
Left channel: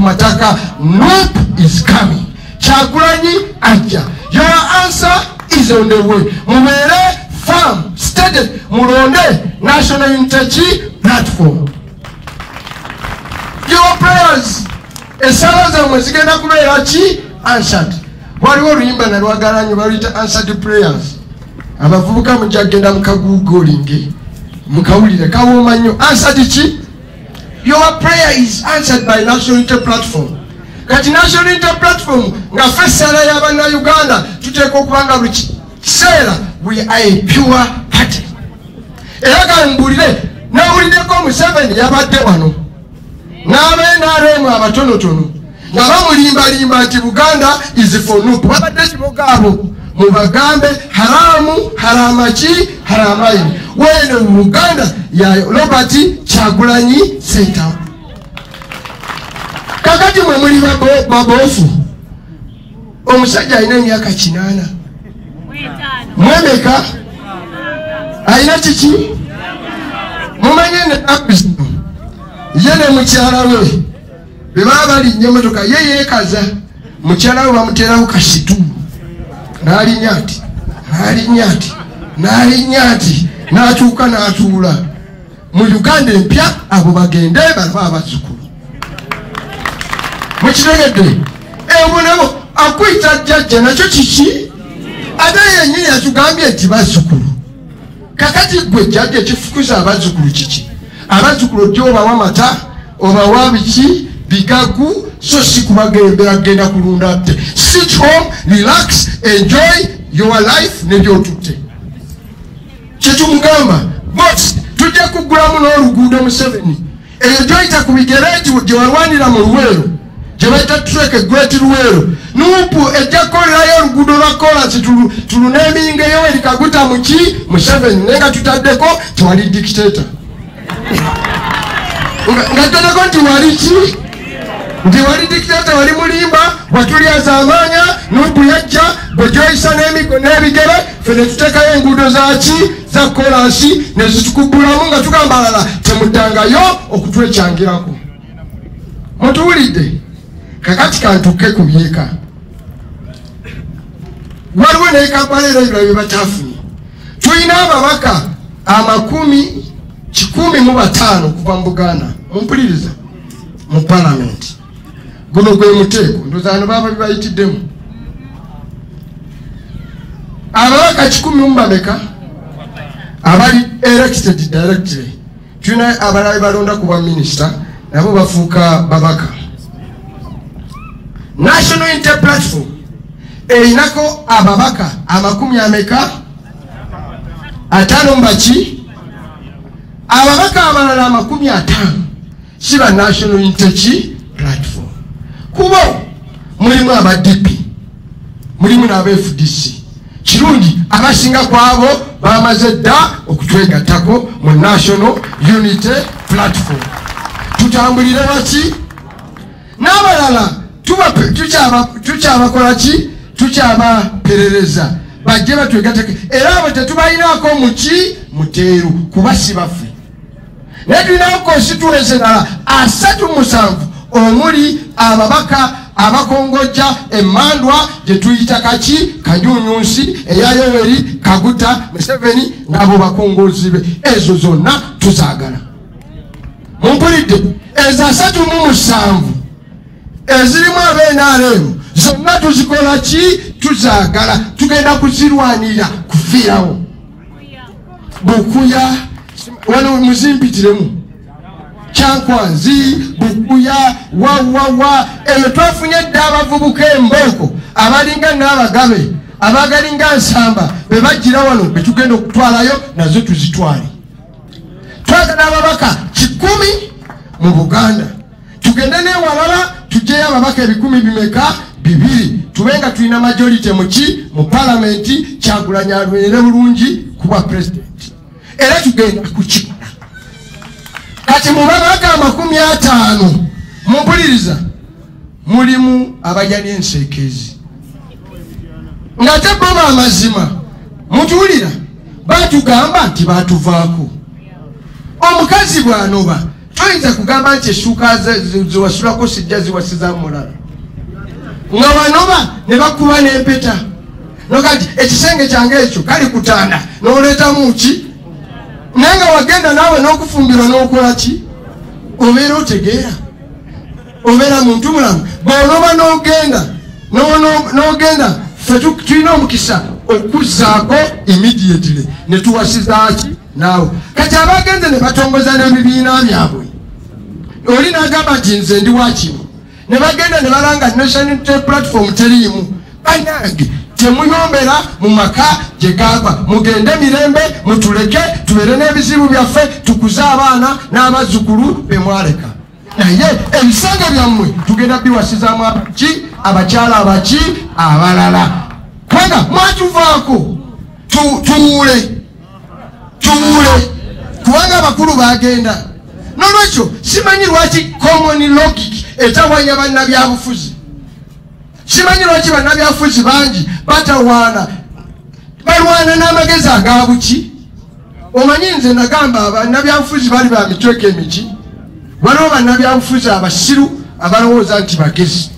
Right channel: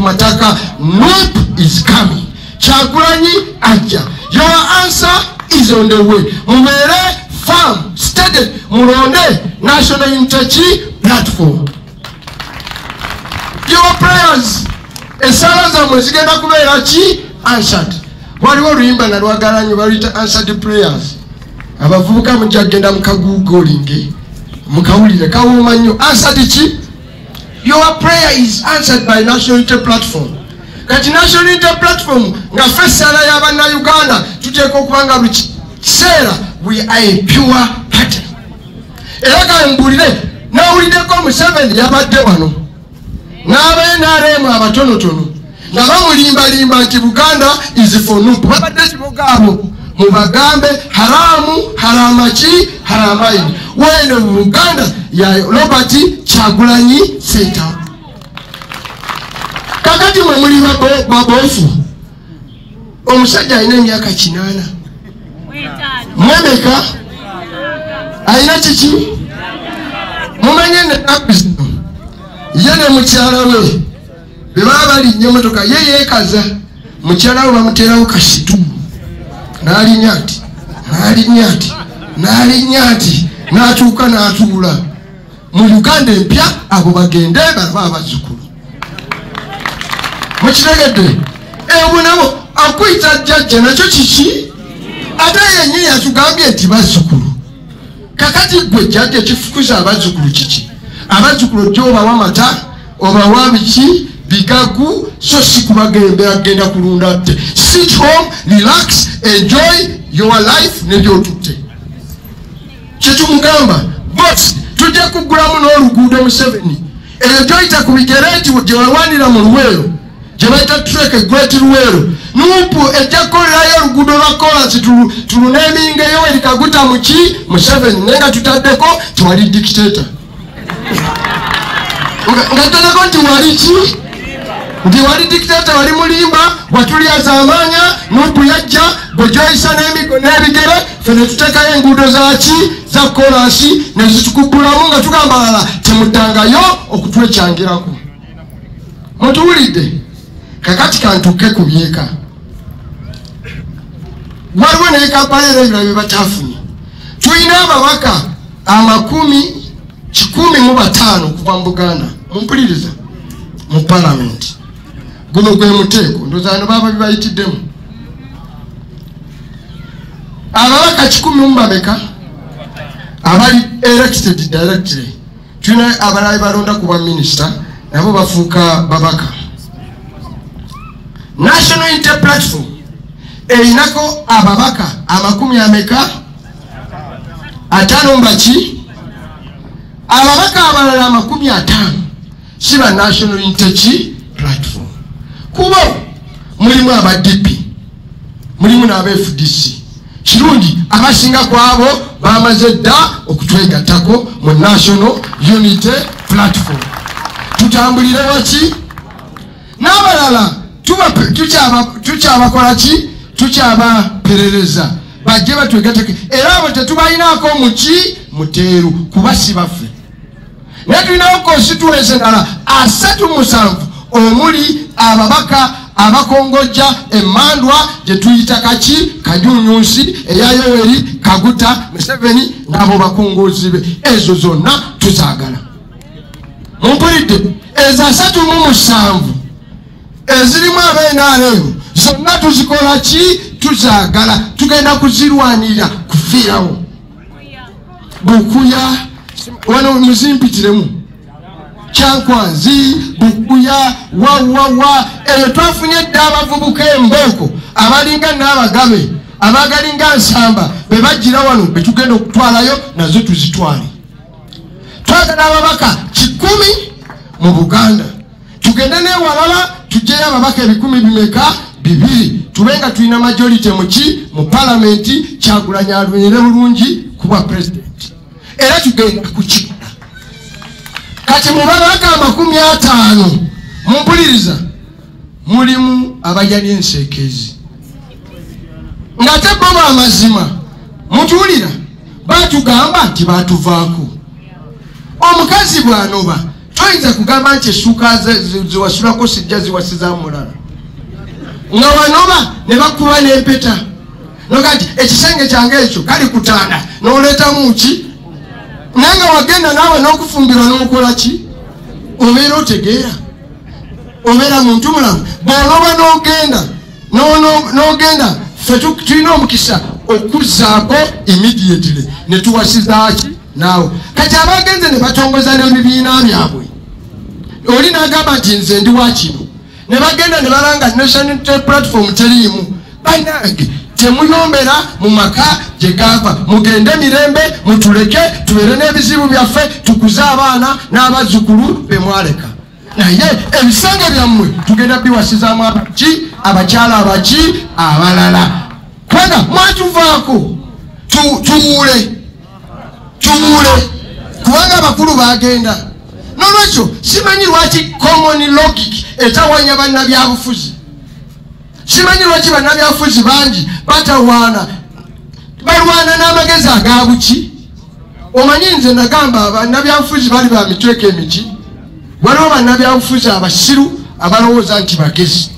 mataka. Nope is coming. Kyagulanyi ajja. Your answer is on the way. Mubeere firm, steady, mulonde National Unity Platform. Your prayers esala zammwe zigenda kubeera ki answered. Waliwo oluyimba na lwagalanyo baluyita answered prayers. abavubuka mujagenda mukagugolinge mukawulire kawumanyo answered chi. Your prayer is answered by National Unity Platform. Kati National Unity Platform nga fesala y'abana Uganda tuteeka okubanga buli kiseera we are a pure party. Era kambulire nawuliddeko Museveni yabadde wano n'abenaremu abatonotono nga bamulimbalimba nti Buganda is for Nupu. Babadde kibogaabo mubagambe haramu haramaki haramaini wene Buganda ya Robert Kyagulanyi Ssentamu. Kakati mwemuli babofu omusajja alina emyaka 8 mwemeka alina kiki mumanye ne abizino ye ne mukyala we bebaba balinnye motoka ye yeekaza mukyala we bamuterawo kasitu n'alinyati n'atuuka n'atuula mu Uganda empya abo bagende bava abazzukulu mukitegedde ebo nabo akwita jjajja nakyo kiki ate yennyini yatugambye nti bazzukulu. Kakati gwe jjajja kifukuza abazzukulu kiki? Abazzukulu gyobawa mata obawa biki bigagu so si kubagenda agenda kulunda tte. Sit home, relax, enjoy your life nebyotutte kyetumugamba boss tujja kugulamu n'oluguudo Museveni eyo gyoyita ku migereti gye walwanira mu Luweero gye bayita trek Great Luweero Nuupu ejja kukolerayo oluguudo lwa kolansi tuluneminga Yoweri Kaguta muki Museveni naye nga tutaddeko tiwali dictator nga todeko nti wali ki nti wali dictator wali mulimba bwatulyaza amaanya Nuupu yajja bwejoyisa n'emigo n'ebigere fene tuteekayo enguudo zaki za kolansi nezitukugulamu nga tugamba lala temuddangayo okutwekyangirako. Mutuwulidde kakati kantuke ku byeka waliwo naye kampala era ebirala byebakyafunye. Tulina ababaka 115 kuva mu Buganda mumpuliriza mu palamenti. Guno gwe muteeko ndozana baba bibayitiddemu ababaka 10 mbameka abali elected directly. Tulina abalala balonda kuba minisita nabo bafuuka babaka. National Unity Platform erinako ababaka 50 mbaki ababaka abalala 50 siba National Unity Platform. Kuba mulimu aba DP mulimu n'aba FDC kirungi abasinga kwabo bamaze dda okutwegattako mu National Unity Platform. Tutambulire baki n'abalala tukyabakola ki tukyabaperereza bajje batwegattako era abo tetubayinaako muki muteeru kuba si baffe. Naye tulinawo constituency endala 37 omuli ababaka abakongojja Emmandwa gye tuyita kaki Kajunyunsi eya Yoweri Kaguta Museveni ng'abo bakongozi be ezo zonna tuzaagala. Mumpulidde ezo 37 ezirimu abeNRM zonna tuzikola ki tuzaagala tugenda kuzirwanira kufiirawo. Bukuya wano muzimpitiremu Kyankwanzi Bukuya wawawa eyo twafunye dda abavubuka embooko abalinga n'abagabe abagalinga Nsamba be bajjira wano be tugenda okutwalayo nazo tuzitwale. Twagala ababaka 10 mu Buganda tugende n'ewalala tujjeyo ababaka 200 tubenga tulina majority muki mu palamenti Kyagulanyi alwere bulungi kuba president era tugenda kukikola. Kati mu babaka 50 mumpuliriza mulimu abajali enseekezi ngate baba amazima mutuulira batugamba nti batuvaako. Omukazi bw'anoba toyinza kugamba nti essuuka ziwasulako sijja ziwasiza mulala nga banoba ne bakuba n'empeta nogati ekisenge kyange ekyo kali kutaana n'oleetamu ki naye nga wagenda naawe n'okufumbirwa n'okola ki obeera otegeera obeera muntu mulamu bw'onoba n'ogenda ffe tulina omukisa okuzaako immediately ne tuwasizaaki naawe kati abagenze ne batongoza n'ebibiina byabwe oli n'agamba nti nze ndi wakino ne bagenda ne balanga national unity platform teriimu banange temuyombera mu maka gye gava mugende mirembe mutuleke tubeere n'ebizibu byaffe tukuze abaana n'abazzukulu be mwaleka naye ebisanga byammwe tugenda biwasizaamu abaki abakyala abaki abalala kubanga mwatuvaako tuwule kubanga abakulu bagenda nolwekyo simanyi lwaki common logic etawanya bannabyabufuzi simanyi lwaki bannabyabufuzi bangi batawaana balwana n'amagezi agabuki omanyi nze nagamba bannabyabufuzi bali ba mitweko emiki waliwo bannabyabufuzi abasiru abalowooza nti bagezi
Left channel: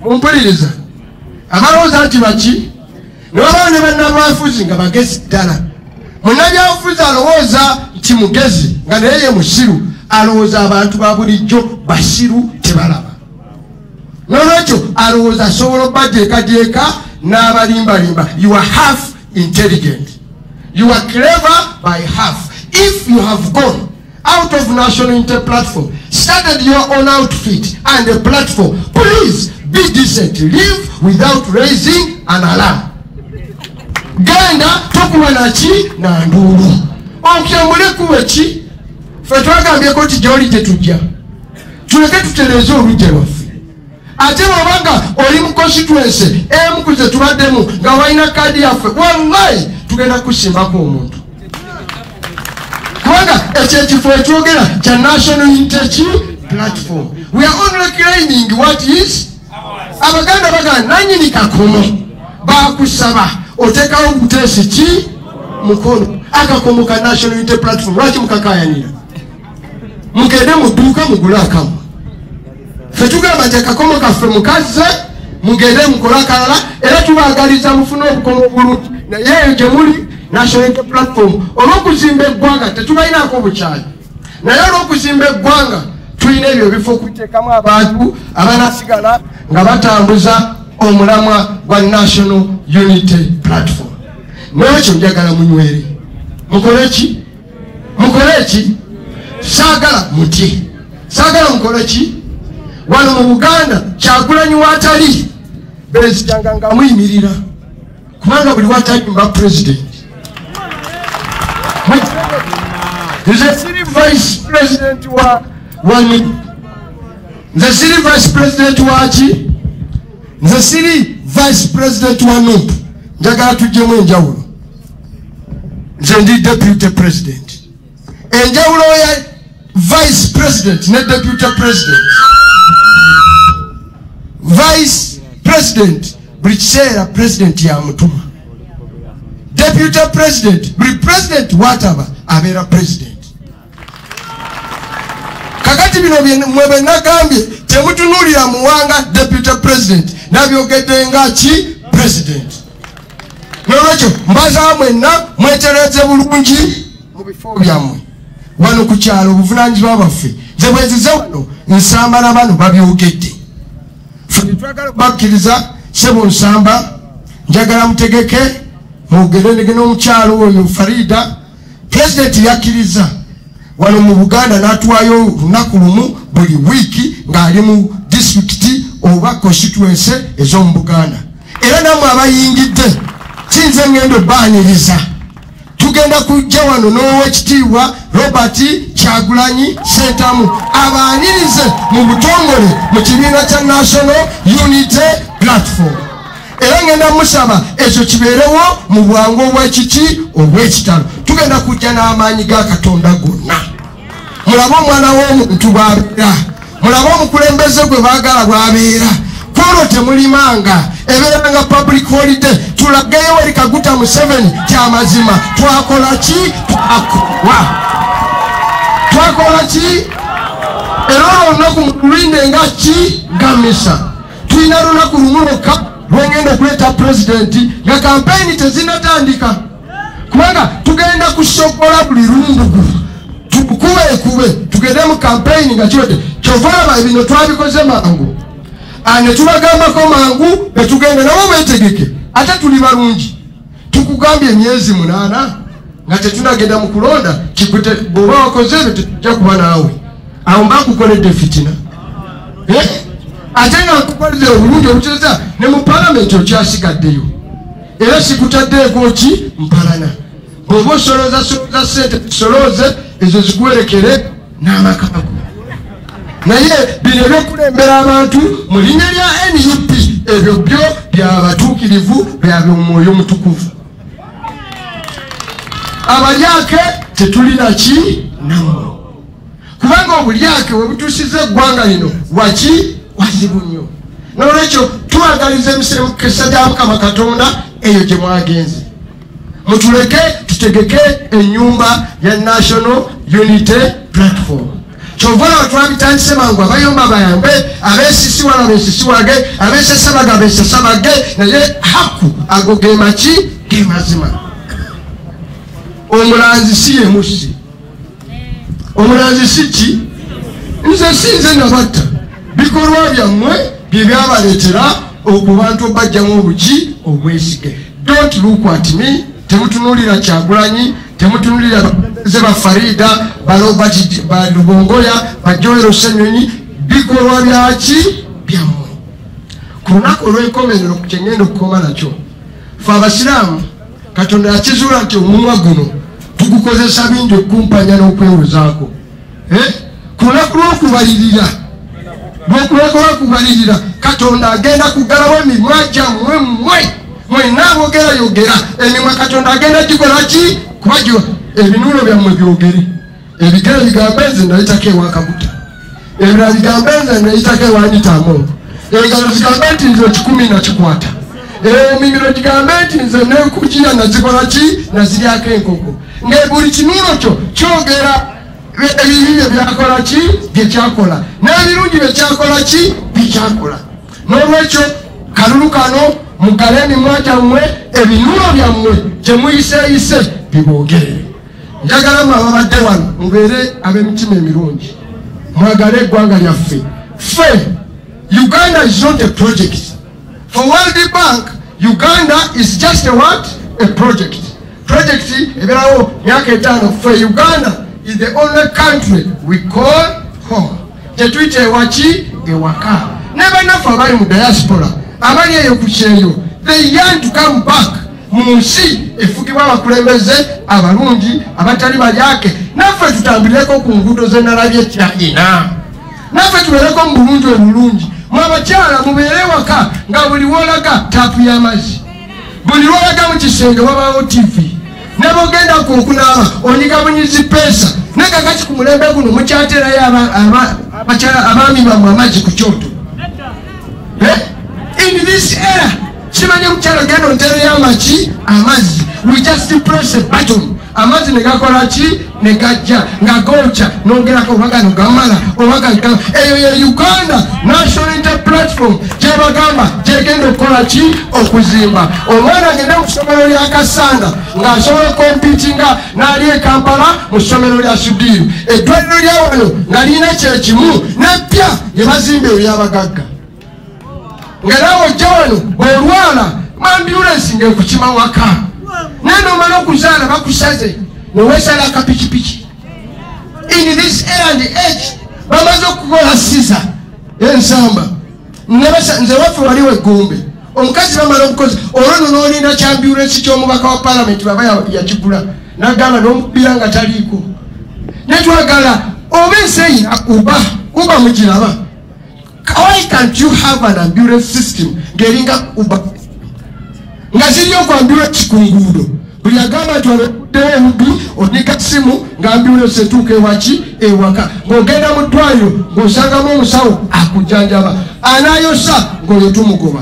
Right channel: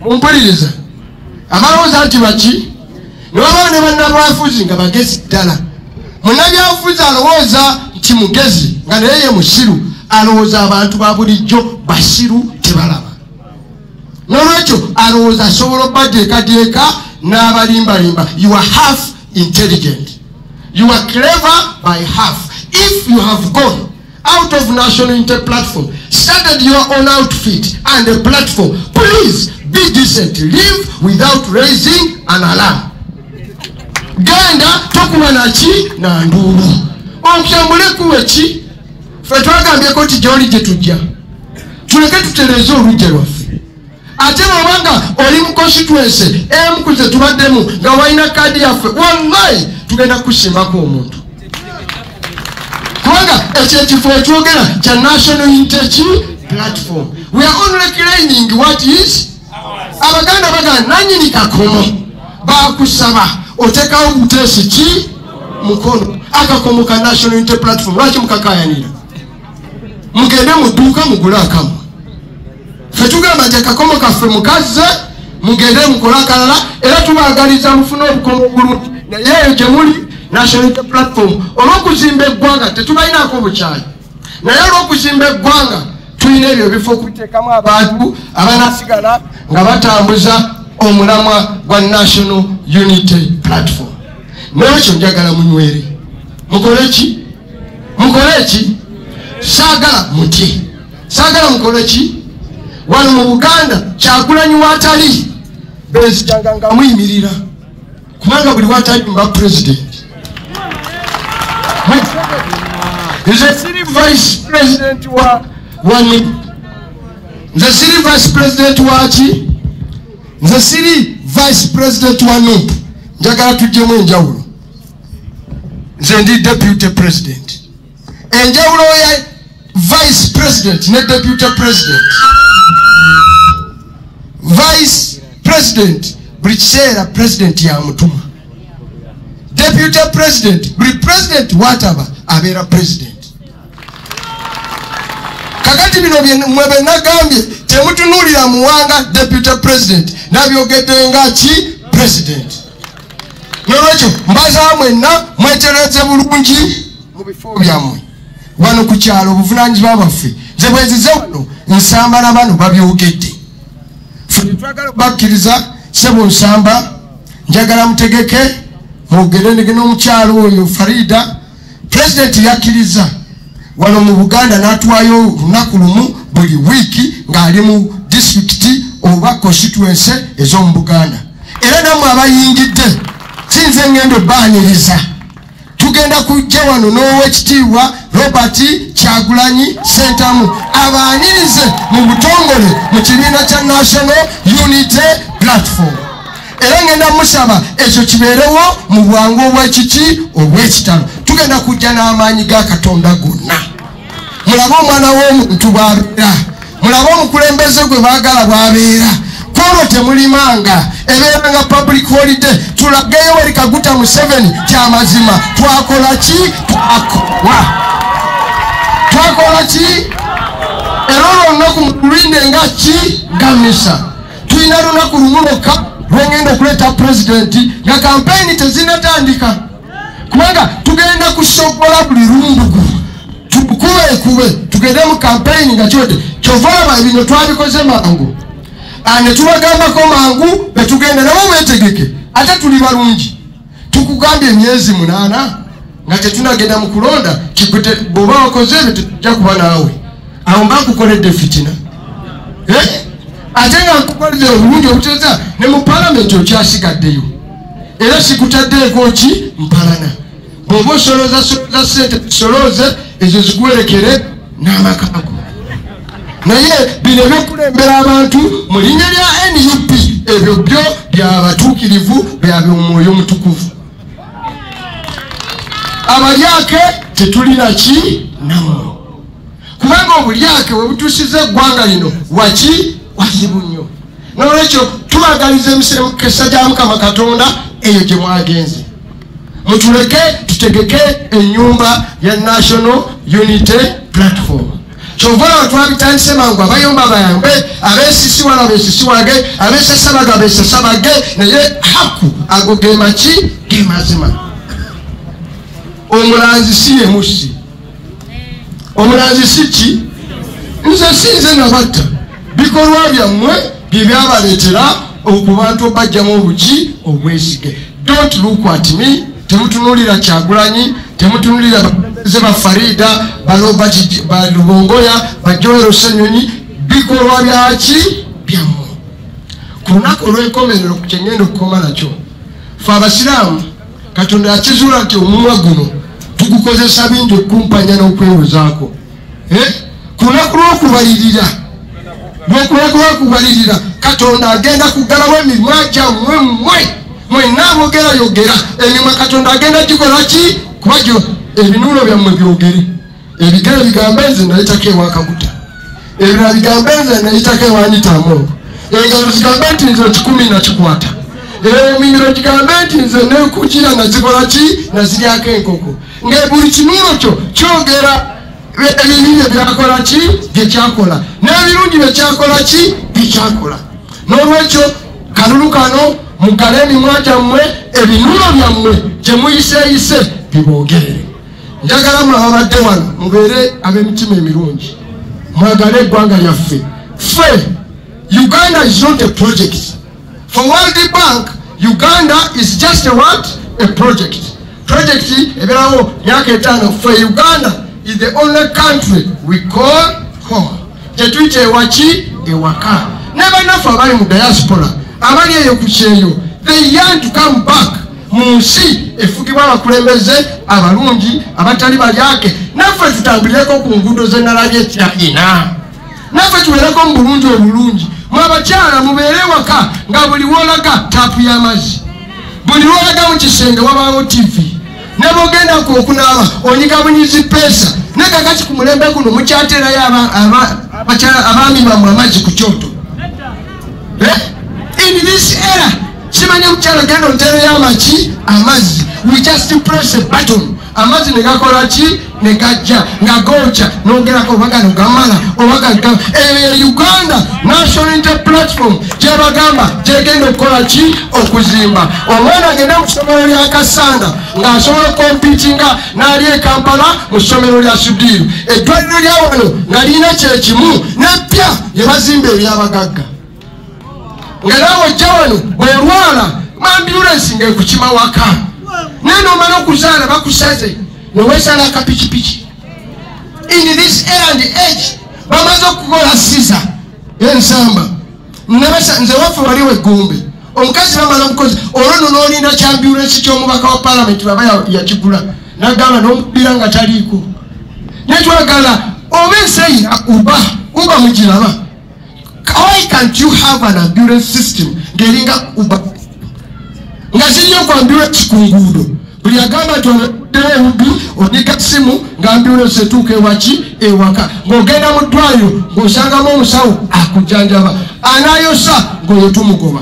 mumpuliriza abalowooza nti baki newabawo ne bannabyabufuzi nga bagezi ddala munnabyabufuzi alowooza nti mugezi nga naye ye musiru alowooza abantu ba bulijjo basiru tebalaba nolwekyo alowooza asobola okubateekateeka n'abalimbalimba. You are half intelligent, you are clever by half. If you have gone out of National Unity Platform, started your own outfit and a platform, please be decent, live without raising an alarm. Genda tokuwa nachi na nduru okyambule kuweki fe twagambyeko ti gyoli gye tujja tuleke tutereze olujja lwaffe ate bwabanga oli mu constituency emu kuze tubaddemu nga walina kaadi yaffe wallahi tugenda kusimako omuntu kubanga ekyo ekifo etwogera kya National Unity Platform. We are only claiming what is abaganda baganda nanyini kakomo bakusaba otekawo butesi ki mukono akakomo ka National Unity Platform lwaki mukakayanira mugende muduuka mugula akamu fe tugamba nti akakomo kaffe mukaze mugende mukole akalala era tubaagaliza mufune obukomo obulungi naye gye muli National Unity Platform olw'okuzimba eggwanga tetubalinaako bukyali naye olw'okuzimba eggwanga tulina ebyo bifo okuteekamu abantu abanasigala nga batambuza omulamwa gwa National Unity Platform. Mwekyo njagala munywere mukole ki saagala muti saagala mukole ki wano mu Buganda Kyagulanyi watali bezijanga nga muyimirira kubanga buli watayimba president nze siri vice president wa nze siri vice president waki nze siri vice president wa NUP njagala tujjemu enjawulo nze ndi deputy president enjawulo ya vice president ne deputy president vice president buli kiseera president ya mutuma deputy president buli president wataba abeera president kakati bino mwebe nagambye temutunuulira muwanga deputy president nabyogedde nga ki president nolwekyo mbaza mwenna mwetereze bulungi mu bifo byammwe wano ku kyalo obuvunaanyizibwa bwaffe nze bwezize wano nsamba na bano babyogedde twagala bakkiriza sebo nsamba njagala mutegeke mwogerenge n'omukyalo oyo Farida president yakkiriza wano mu Buganda n'atuwayo lunaku lumu buli wiiki ng'ali mu disitulikiti oba constituency ez'omu Buganda era nammwe abayingidde sinze ngendo baaniriza tugenda kujja wano n'owekitiibwa Robert Kyagulanyi Ssentamu abaanirize mu butongole mu kibiina kya National Unity Platform era ngenda musaba ekyo kibeerewo mu bwangu obwekiki obw'ekitalo tugenda kujja n'amaanyi ga Katonda gonna mulabe omwana w'omuntu bw'abeera mulabe omukulembeze gwe baagala bw'abeera kolo temulimanga ebeeranga public holiday tulageyo wali Kaguta Museveni kyamazima twakola ki twakola ki era olunaku mululinde nga ki gamisa tulina lunaku lumu lwokka lwengenda okuleeta pulezidenti nga kampeyini tezinatandika kubanga tugenda kusobola buli lumbugu tukube tugende mu kampeyini nga kiwedde kyova olaba ebino twabikoze mangu ne tubagambako mangu betugenda nabo betegeke ate tuli balungi tukugambye emyezi 8 nga tetunagenda mu kulonda kikute bwoba wakoze ebyo tujja kuba naawe awo mba kukoledde fitina ate nga nkukoleze obulungi obuteza ne mu palamenti okyasigaddeyo era sikutaddeeko ki mpalana bw'oba osolooza sente tusolooze ezo zigwerekere n'amakago naye bino ebyokulembera abantu mu linnya lya NUP ebyo byo byabatuukirivu byab'omwoyo mutukuvu abalyake tetulina ki nammwe kubanga obulyake bwe butuusiza eggwanga lino waki wazibu nnyo nolwekyo tubagaliza emisire mu kisa gya Mukama Katonda eyo gye mwagenze mutuleke tutegeke ennyumba ya National Unity Platform kyova twabitandise mangu abayomba bayambe abesisiwala besisiwage abesesamaga besesabage naye haku ago gemaki gemazima omulanzi si yemusi omulanzi si ki nze sinze nabatta bikolwa byammwe byebyabaletera okubantu bajjamu obuki obwesige don't look at me temutunulira Kyagulanyi temutunulira ze Farida balubongoya bajowero Senyonyi bikolwa byaki byammwe kunako olw'enkomerero ku kyengendo okukoma nakyo fe abasiraamu Katonda yakizula nti omumwa guno tugukozesa bingi okumpanya n'okwewozaako kunaku lw'okubalirira lw'okubalirira Katonda agenda kugalawo emimwa gyammwe mwenna abogerayogera emimwa Katonda agenda gikola ki kubagyo ebinuulo byammwe byogere ebigere bigambe nze nayitako ewakaguta ebirala bigambe nze nayitako ewanyitamu engalo zigambe nti nze 10 nakikwata emimiro gigambe nti nze nekukira nazikola ki naziryako enkoko nga buli kinuulo kyo kyogera ebibi byakola ki byekyakola n'ebirungi byekyakola ki byekyakola n'olwekyo kalulu kano mugale emimwa gyammwe ebinuulo byammwe gyemuyiseyise biboogerere njagala mwababadde wano mubeere ab'emitima emirungi mwagale eggwanga lyaffe ffe Uganda is not a project for World Bank. Uganda is just a what? A project eberawo myaka 5 for Uganda is the only country we call home tetuyite ewaki ewaka n'abanafu abali mu diaspora abali eyo ku kyeyo they yearn to come back mu nsi efugibwa abakulembeze abalungi abatali balyake naffe tutambulireko ku nguudo zenalabye ekyayina naffe tubeereko mu bulungi obulungi mwabakyala mubeere waka nga buli wolaga taapu y'amazzi buli wolaga mu kisenge wabawo TV nebogenda okunaaba onyigamунyizi pesa nakakati ku mulembe guno mukyaterayo abaami bamwe amazzi ku kyoto in this era simanye mukyala genda ontereyo amaki amazzi we just press a button amazzi negakola ki negajja ngagocha nongerako obaga nogamala obaga eyo ye Uganda National Unity Platform gyebagamba gyegenda okukola ki okuzimba omwana agenda mu ssomero lya Kasanda ng'asobola kompitinga n'ali e Kampala mu ssomero lya Sudiru eddwaliro lya wano nalina kyekimu n'eppya lye bazimba ebyabagagga nga nawe ojja wano bw'olwala ambulansi ng'ekukiba waka naye n'omala okuzaala bakusaze nowesala akapikipiki in this era and age bamaze okukola siza ensamba nze waffe wali weggumbe omukazi bamala bukozi olwo nolinda kyambulansi ky'omubaka wa palamenti baba yakigula nagamba n'omubira nga taliiko netwagala oba ensi uba mugiraba. Why can't you have an ambulance system ngeringa uba nga zinyo kwa ambulance kungudo buli agamba tuwabudde udu odika simu nga ambulance etuuka ewaki ewaka ng'ogenda mu ddwaliro ng'osangamu omusawo akujanjaba anayosa ng'oyo tumugoba.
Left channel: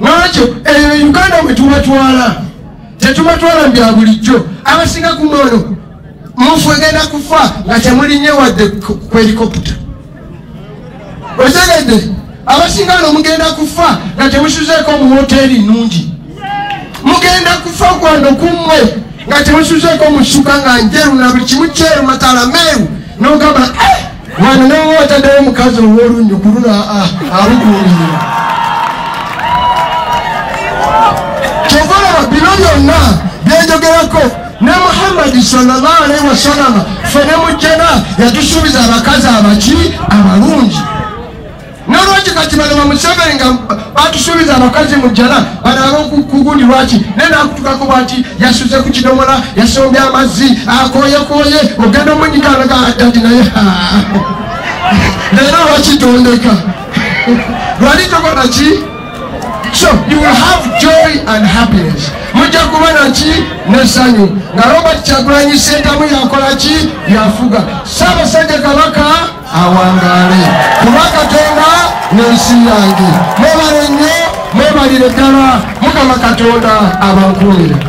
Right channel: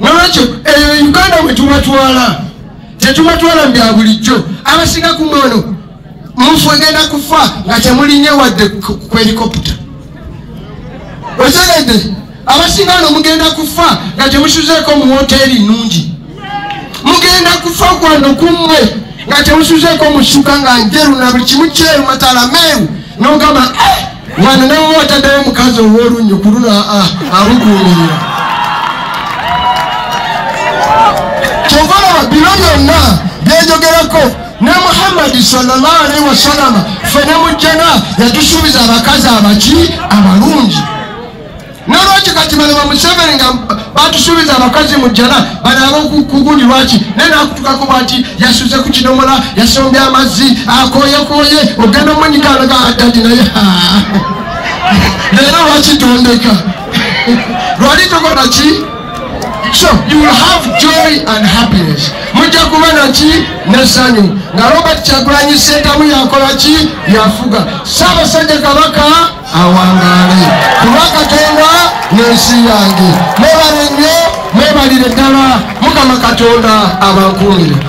Nolwekyo Uganda bwe tubatwala tetubatwala bya bulijjo abasinga ku ngono mufu egenda kufa nga temulinnya wadde ku helikopita. Otegedde abasinga mugenda kufa nga temusuzeeko mu hoteri nnungi. Mugenda kufa kwando kumwe nga temusuzeeko mu ssuka nga njeru na buli kimu kyeru matala meeru n'ogamba wano nawe wataddewo mukazi ow'olunnyo kulula awuguulira. Kyova byonna byenjogerako ne Muhammad sallallahu alaihi wasallam fene mujjana yatusuubiza abakazi abaki abalungi nalwaki kati bano bamuseveni nga batusuubiza abakazi mujjana banaba okukugundi lwaki nenakutukakuba nti yasuze ku kidomola yasombye amazzi akoyekoye ogenda munyikaloga dadi naye leero lwakitondeka lwali tokola ki. So you will have joy and happiness. Mujja kubera ki nesanyu na Robert Kyagulanyi Ssentamu yakola ki yafuga Ssaabasajja Kabaka awangale kuba Katonda n'ensi yange mwebale nnyo mwebalire ddala Mukama Katonda abankuumire.